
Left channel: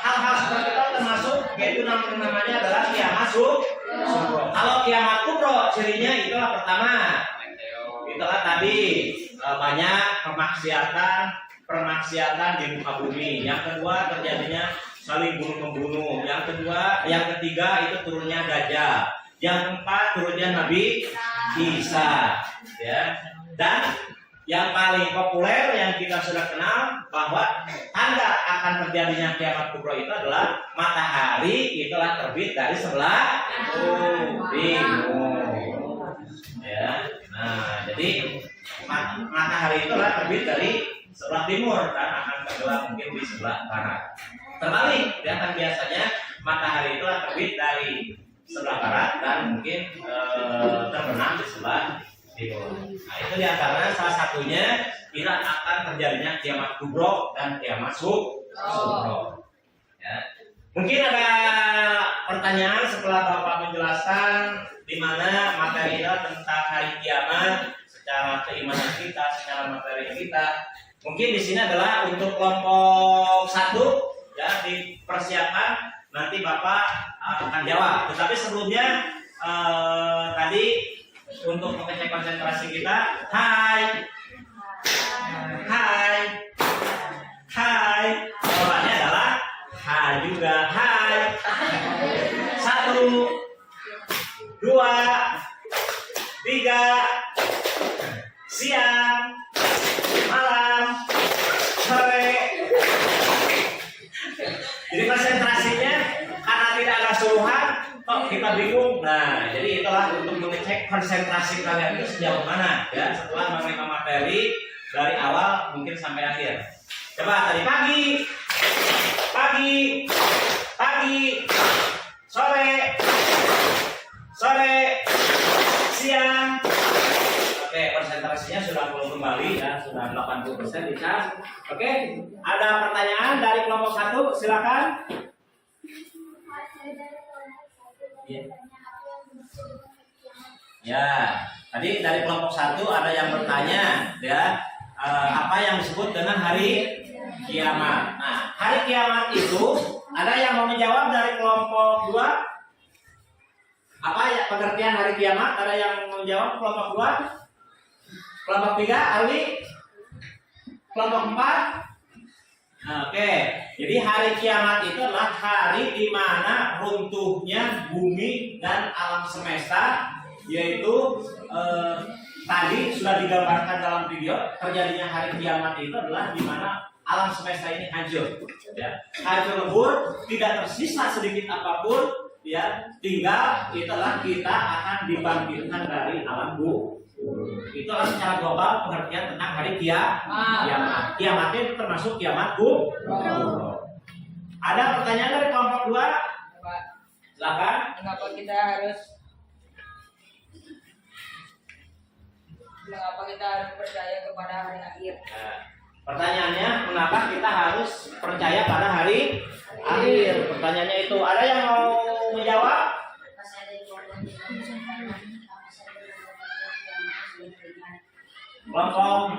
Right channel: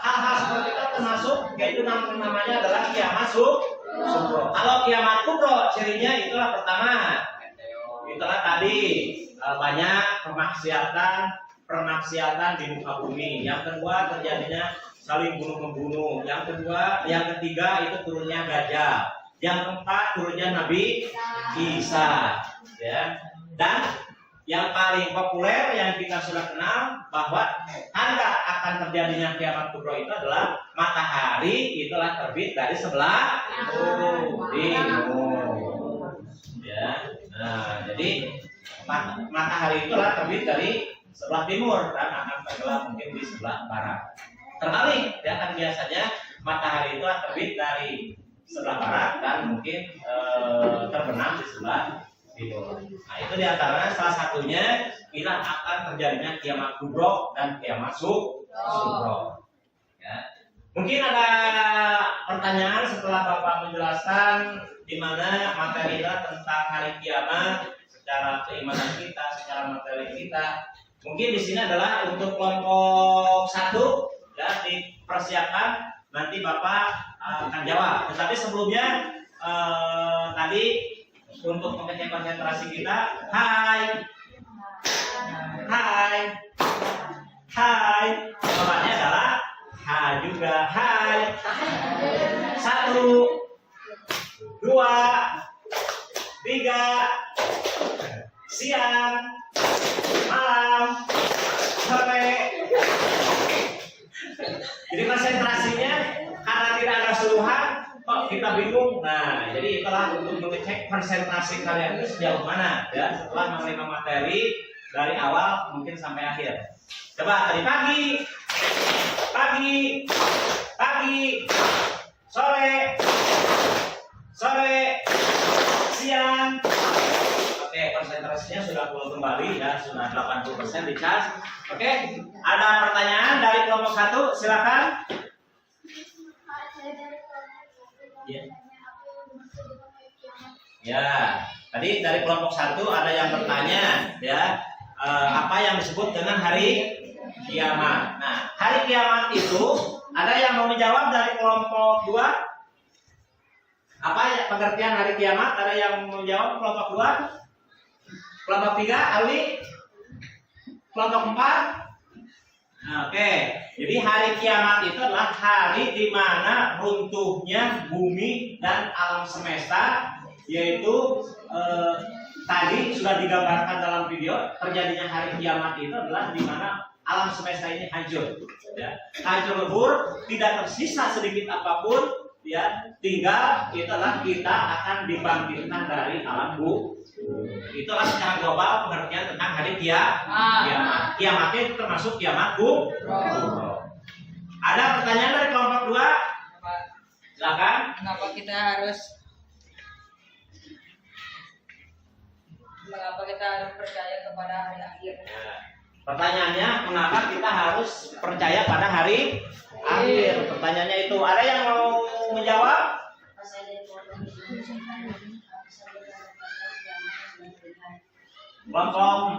hal-hal seperti itu termasuk, yaitu namanya adalah kiamat sugro. Kalau kiamat kubro, cirinya itulah pertama. Itulah tadi banyak permaksiatan di muka bumi. Yang kedua terjadinya saling bunuh-membunuh. Yang ketiga itu turunnya Dajjal. Yang keempat turunnya Nabi Isa. Ya. Dan yang paling populer yang kita sudah kenal bahwa tanda akan terjadinya kiamat kubro itu adalah matahari itulah terbit dari sebelah timur. Ya. Nah, jadi matahari itulah terbit dari sebelah timur dan akan tenggelam mungkin di sebelah barat. Terbalik, ya kan biasanya matahari itulah terbit dari sebelah barat dan mungkin terbenam di sebelah timur. Nah, itu diantaranya salah satunya bila akan terjadinya kiamat kubro dan kiamat sugro. Ya. Mungkin ada pertanyaan setelah Bapak menjelaskan di mana materi tentang hari kiamat secara keimanan kita, secara materi kita. Mungkin di sini adalah untuk kelompok 1 ya, dipersiapkan nanti Bapak akan jawab. Tetapi sebelumnya tadi untuk mengecek konsentrasi kita, hai, jawabannya adalah hai juga, hai. 1, 2, 3, siang, malam, sore. Jadi konsentrasinya karena tidak ada suruhan, kok kita bingung. Nah, jadi itulah untuk mengecek konsentrasi kalian itu sejauh mana ya setelah menerima materi dari awal mungkin sampai akhir. Coba tadi pagi, sore, siang. Oke, konsentrasinya sudah pulih kembali ya, sudah 80% dicas. Oke, ada pertanyaan dari kelompok 1, silakan. Ya, tadi dari kelompok 1 ada yang bertanya ya, apa yang disebut dengan hari kiamat. Nah, hari kiamat itu ada yang mau menjawab dari kelompok 2? Apa ya pengertian hari kiamat? Ada yang mau menjawab kelompok 2? Kelompok 3, Ali? Kelompok 4? Nah, oke. Jadi hari kiamat itu adalah hari di mana runtuhnya bumi dan alam semesta, yaitu tadi sudah digambarkan dalam video. Terjadinya hari kiamat itu adalah di mana alam semesta ini hancur, ya, hancur lebur, tidak tersisa sedikit apapun, ya, tinggal itulah kita akan dibangkitkan dari alam bumi. Itulah secara global pengertian tentang hari kiamat. Kiamat itu termasuk kiamat kubro. Ada pertanyaan dari kelompok 2? Silakan. Mengapa kita harus percaya kepada hari akhir? Ya. Pertanyaannya, mengapa kita harus percaya pada hari akhir? Pertanyaannya itu, ada yang mau menjawab? Kelompok 4?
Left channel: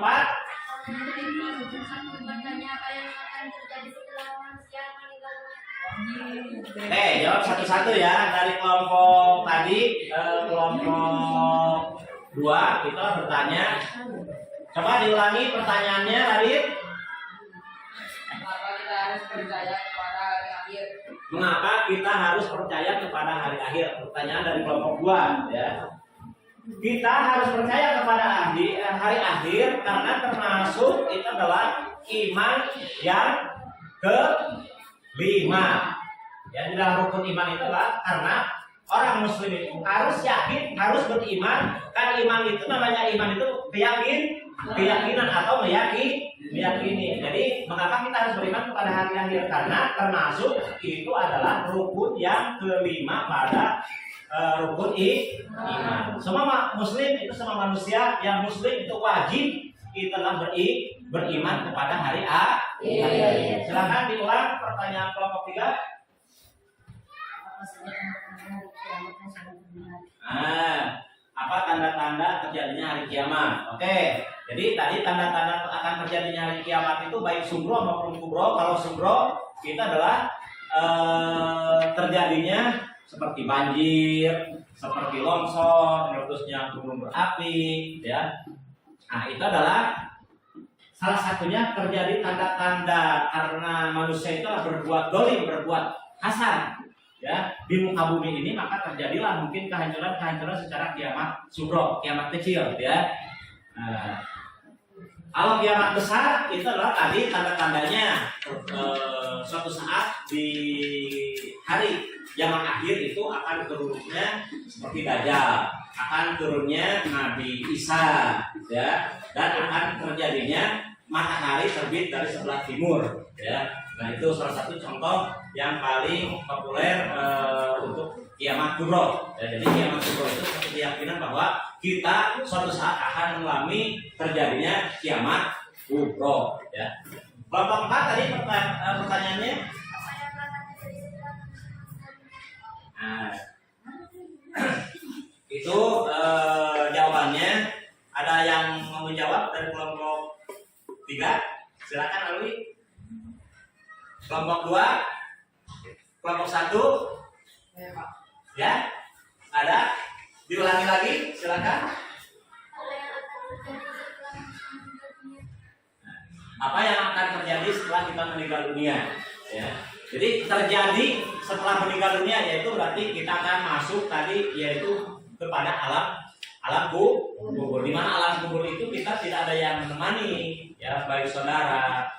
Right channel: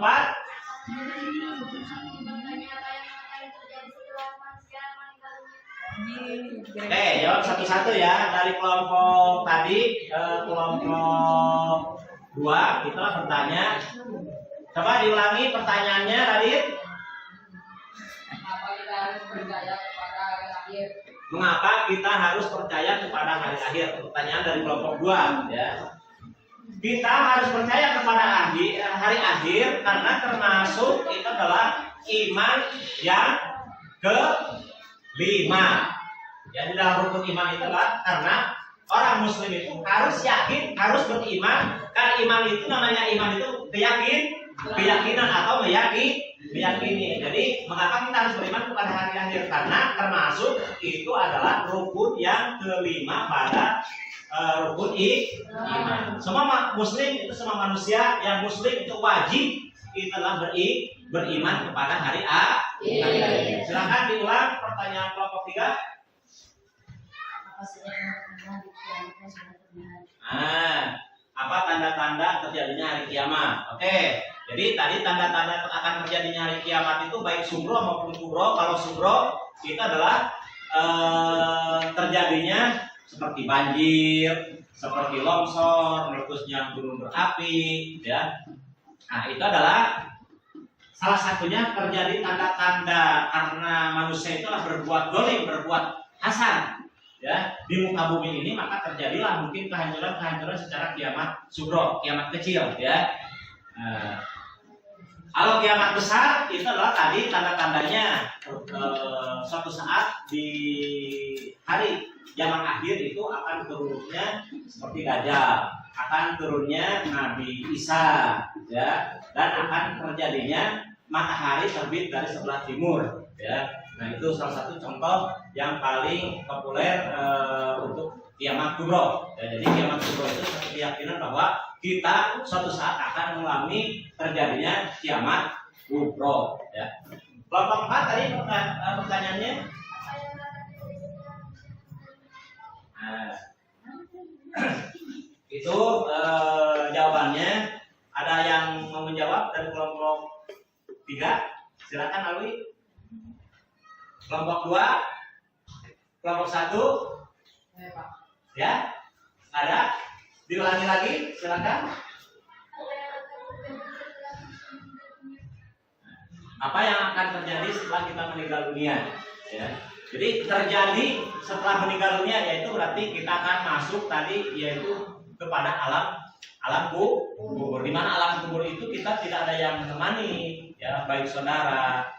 Jawab satu-satu ya. Dari kelompok tadi, kelompok 2 kita bertanya. Coba diulangi pertanyaannya, Radit. Mengapa kita harus percaya kepada hari akhir? Mengapa kita harus percaya kepada hari akhir? Pertanyaan dari kelompok 2 ya. Kita harus percaya kepada hari akhir karena termasuk itu adalah iman yang kelima. Ya, di dalam rukun iman itu adalah karena orang muslim itu harus yakin, harus beriman. Kan iman itu namanya iman itu keyakinan atau meyakini. Jadi mengapa kita harus beriman kepada hari akhir? Karena termasuk itu adalah rukun yang kelima pada rukun iman. Semua muslim itu, semua manusia yang muslim itu wajib itu adalah beriman kepada hari akhir. Silakan diulang pertanyaan kelompok 3. Apa tanda-tanda terjadinya hari kiamat? Oke, jadi tadi tanda-tanda akan terjadinya hari kiamat itu baik sugro maupun kubro. Kalau sugro itu adalah terjadinya seperti banjir, seperti longsor, meletusnya gunung berapi, ya. Nah, itu adalah salah satunya terjadi tanda-tanda karena manusia itu berbuat dolim, berbuat hasad, ya, di muka bumi ini, maka terjadilah mungkin kehancuran secara kiamat sugro, kiamat kecil, ya. Kalau kiamat besar itu adalah tadi tanda-tandanya suatu saat di hari zaman akhir itu akan turunnya seperti Dajjal, akan turunnya Nabi Isa, ya, dan akan terjadinya matahari terbit dari sebelah timur, ya. Nah, itu salah satu contoh yang paling populer untuk kiamat kubro. Ya, jadi kiamat kubro itu satu keyakinan bahwa kita suatu saat akan mengalami terjadinya kiamat kubro. Ya. Kelompok 4 tadi pertanyaannya. Nah, itu jawabannya. Ada yang mau menjawab dari kelompok 3? Silakan Alwi. Kelompok 2, kelompok 1, Ya, Pak. ya, ada, diulangi lagi, silakan. Apa yang akan terjadi setelah kita meninggal dunia? Ya, jadi terjadi setelah meninggal dunia yaitu berarti kita akan masuk tadi yaitu kepada alam kubur. Di mana alam kubur itu kita tidak ada yang menemani, ya, baik saudara,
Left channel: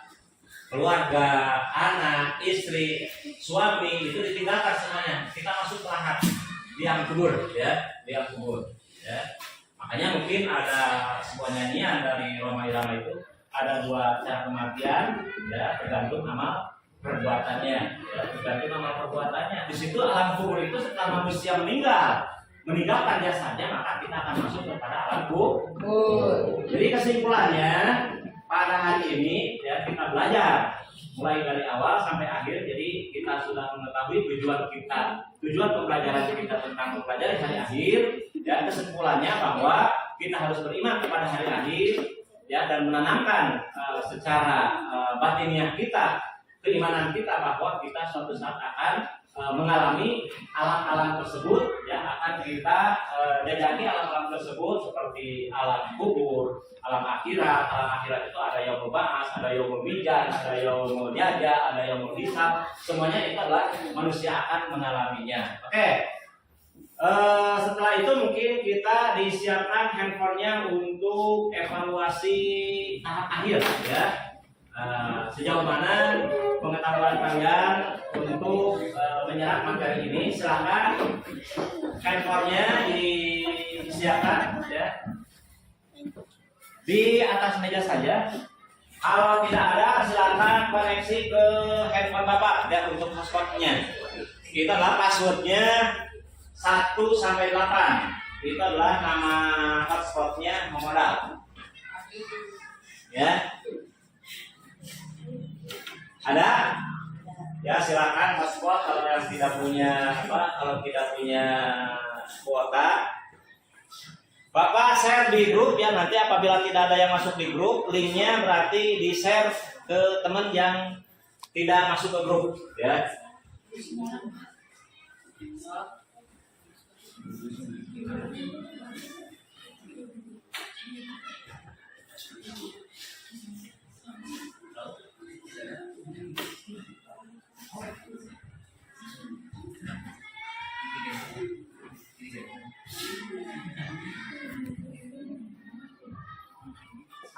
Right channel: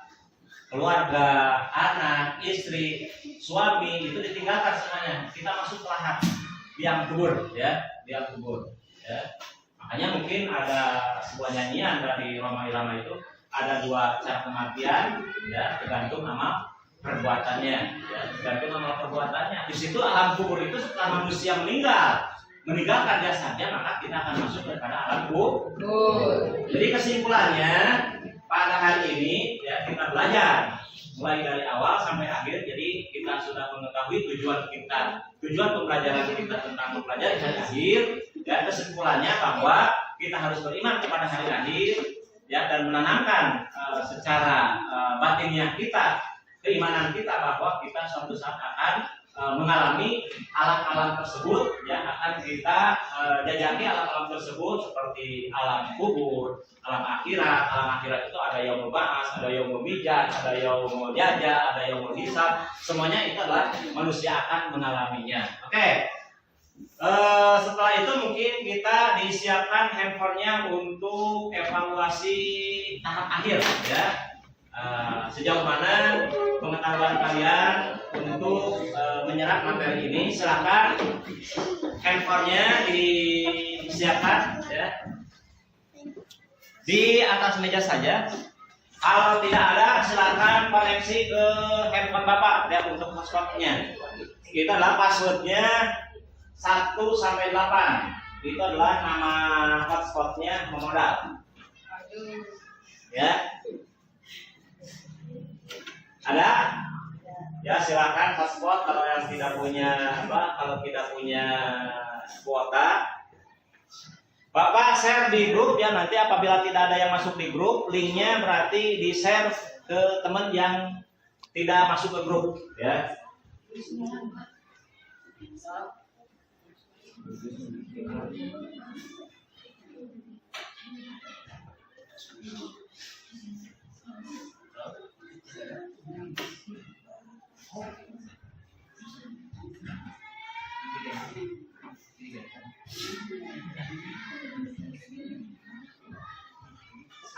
keluarga, anak, istri, suami itu ditinggalkan semuanya. Kita masuk ke lahat, liang kubur, ya, liang kubur, ya. Makanya mungkin ada sebuah nyanyian dari Rhoma Irama itu ada 2 cara kematian, ya, tergantung amal perbuatannya, ya, tergantung amal perbuatannya. Di situ alam kubur itu setelah manusia meninggalkan jasadnya, maka kita akan masuk kepada alam kubur. Jadi kesimpulannya pada hari ini, ya, kita belajar mulai dari awal sampai akhir. Jadi kita sudah mengetahui tujuan pembelajaran kita tentang mempelajari hari akhir. Ya, kesimpulannya bahwa kita harus beriman kepada hari akhir, ya, dan menanamkan secara batinnya kita, keimanan kita bahwa kita suatu saat akan mengalami alam-alam tersebut, ya, akan kita jajaki alam-alam tersebut seperti alam kubur, alam akhirat. Alam akhirat itu ada yaumul ba'ats, ada yaumul mizan, ada yaumul jaza, ada yaumul hisab. Semuanya itu adalah manusia akan mengalaminya. Oke. Setelah itu mungkin kita disiapkan handphonenya untuk evaluasi tahap akhir, ya. Sejauh mana pengetahuan kalian untuk menyerap materi ini. Silakan handphonenya disiapkan, ya, di atas meja saja. Kalau tidak ada, silakan koneksi ke handphone Bapak, ya, untuk hotspotnya. Kita adalah passwordnya 1 sampai 8. Itu adalah nama hotspotnya memodal. Ya. Ada? Ya, silakan hotspot. Kalau yang tidak punya kalau tidak punya kuota, Bapak share di grup, ya. Nanti apabila tidak ada yang masuk di grup, linknya berarti di share ke teman yang tidak masuk ke grup, ya.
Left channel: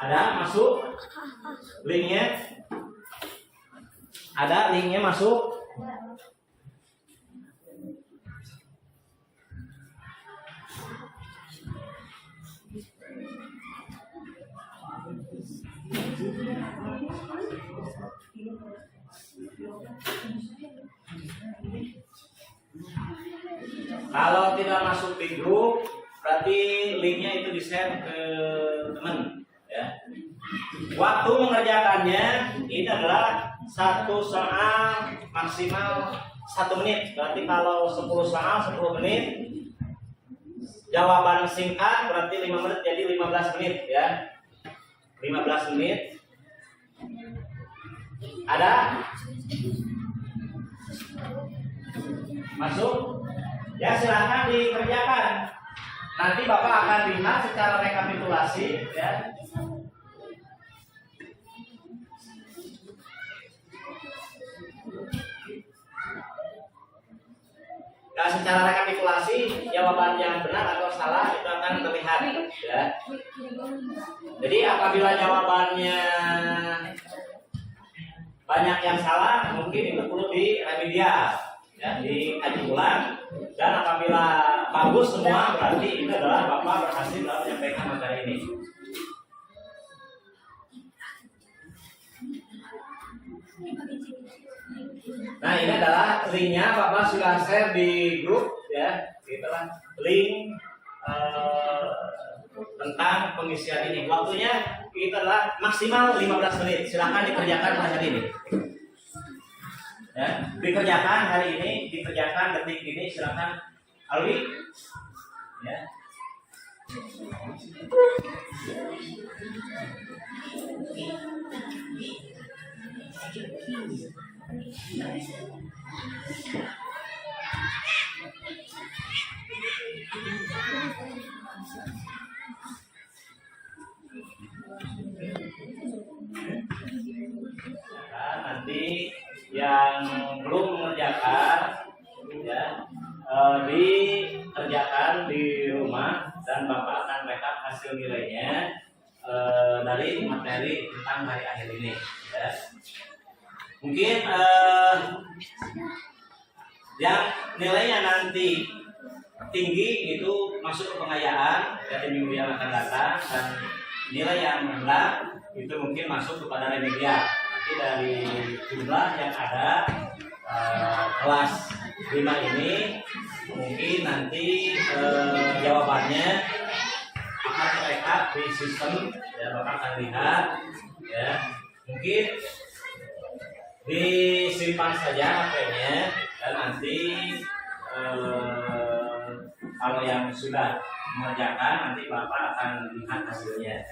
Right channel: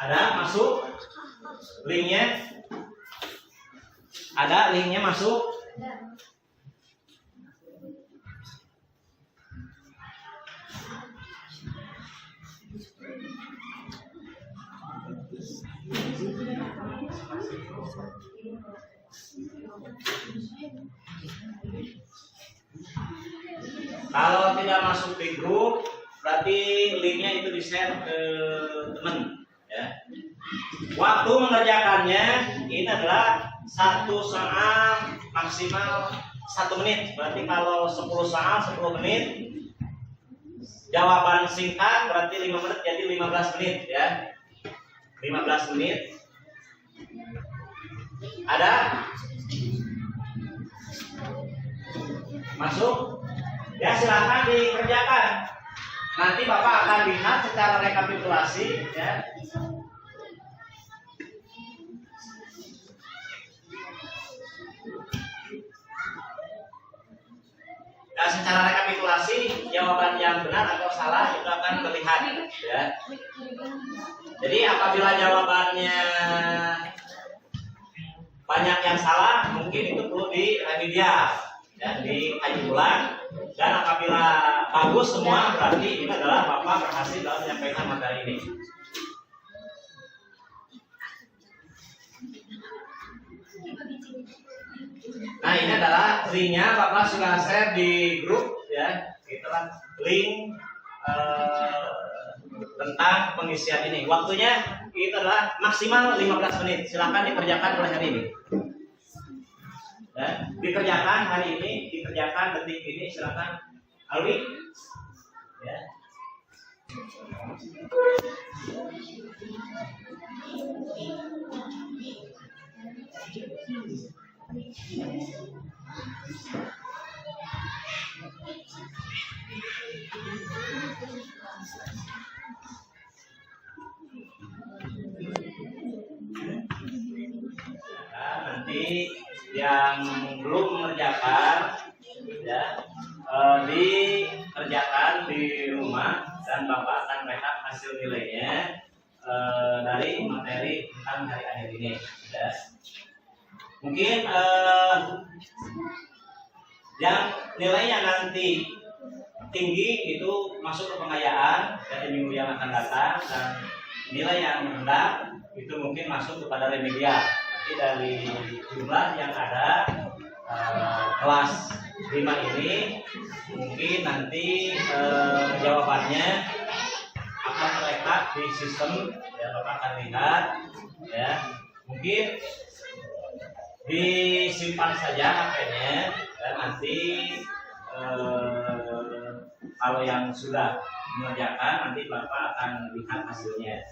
Ada masuk linknya? Ada linknya masuk? Kalau tidak masuk di grup, berarti linknya itu di-share ke teman, ya. Waktu mengerjakannya ini adalah 1 soal maksimal 1 menit. Berarti kalau 10 soal 10 menit, jawaban singkat berarti 5 menit jadi 15 menit, ya. 15 menit. Ada? Masuk? Ya, silakan dikerjakan. Nanti Bapak akan lihat secara rekapitulasi, ya. Nah, secara rekapitulasi jawaban yang benar atau salah itu akan terlihat, ya. Jadi apabila jawabannya banyak yang salah, mungkin itu perlu diremedial, ya, dikaji ulang. Dan apabila bagus semua, berarti ini adalah Bapak berhasil dalam menyampaikan materi ini. Nah, ini adalah linknya, Bapak sudah share di grup, ya. Itulah link tentang pengisian ini. Waktunya itu adalah maksimal 15 menit. Silakan dikerjakan pada hari ini. Ya, dikerjakan hari ini, dikerjakan detik ini, silakan Alwi. Ya. Nah, nanti yang belum mengerjakan, ya, dikerjakan di rumah dan Bapak akan rekap hasil nilainya dari materi tentang hari akhir ini, ya. Mungkin yang nilainya nanti tinggi itu masuk ke pengayaan dari minggu yang akan datang, dan nilai yang rendah itu mungkin masuk kepada remedial. Nanti dari jumlah yang ada kelas 5 ini mungkin nanti jawabannya akan terekam di sistem, ya. Bapak akan lihat, ya. Mungkin disimpan saja HP-nya, dan nanti kalau yang sudah mengerjakan nanti Bapak akan lihat hasilnya.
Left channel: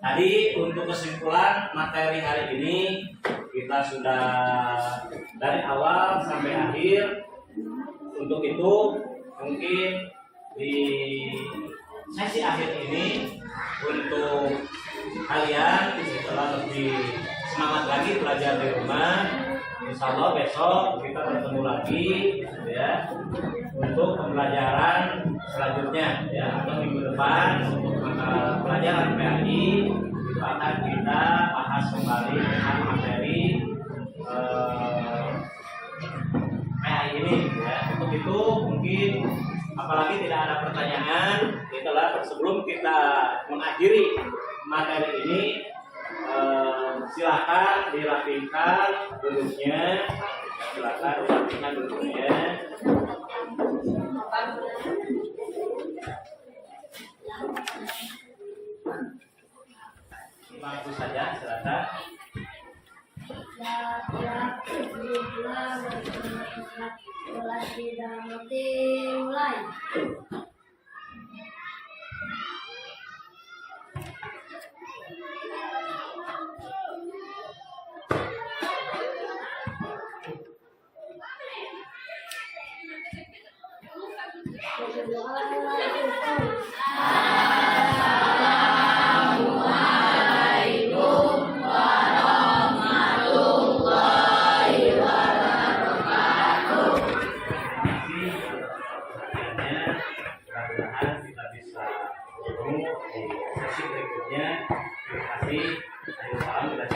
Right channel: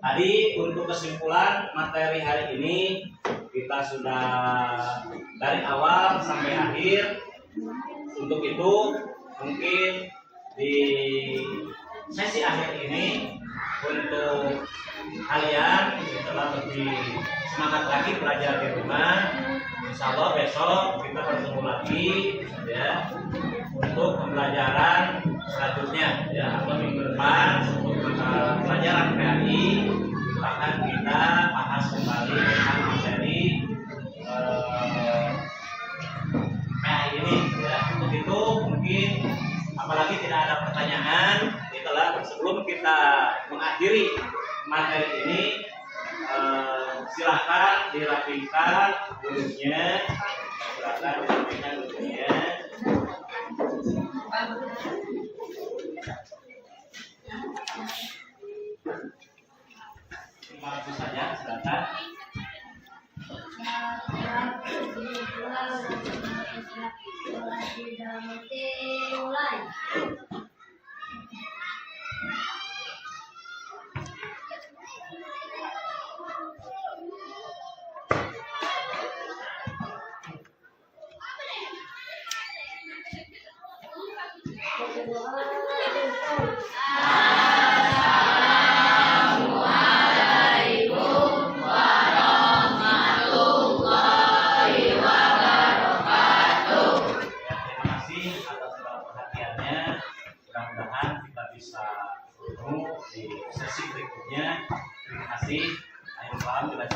Tadi untuk kesimpulan materi hari ini kita sudah dari awal sampai akhir. Untuk itu mungkin di sesi akhir ini untuk kalian setelah lebih semangat lagi belajar di rumah. Insya Allah besok kita bertemu lagi, ya, untuk pembelajaran selanjutnya, ya, atau minggu depan untuk mata pelajaran PAI itu akan kita bahas kembali tentang materi PAI ini, ya. Untuk itu mungkin apalagi tidak ada pertanyaan, itulah sebelum kita mengakhiri materi ini, silakan dirapikan duduknya, Bagus saja, silakan. Mulai. Assalamualaikum warahmatullahi wabarakatuh. Terima kasih atas perhatiannya. Mudah-mudahan kita bisa bertemu di sesi berikutnya. Terima kasih. Ayo salam, bila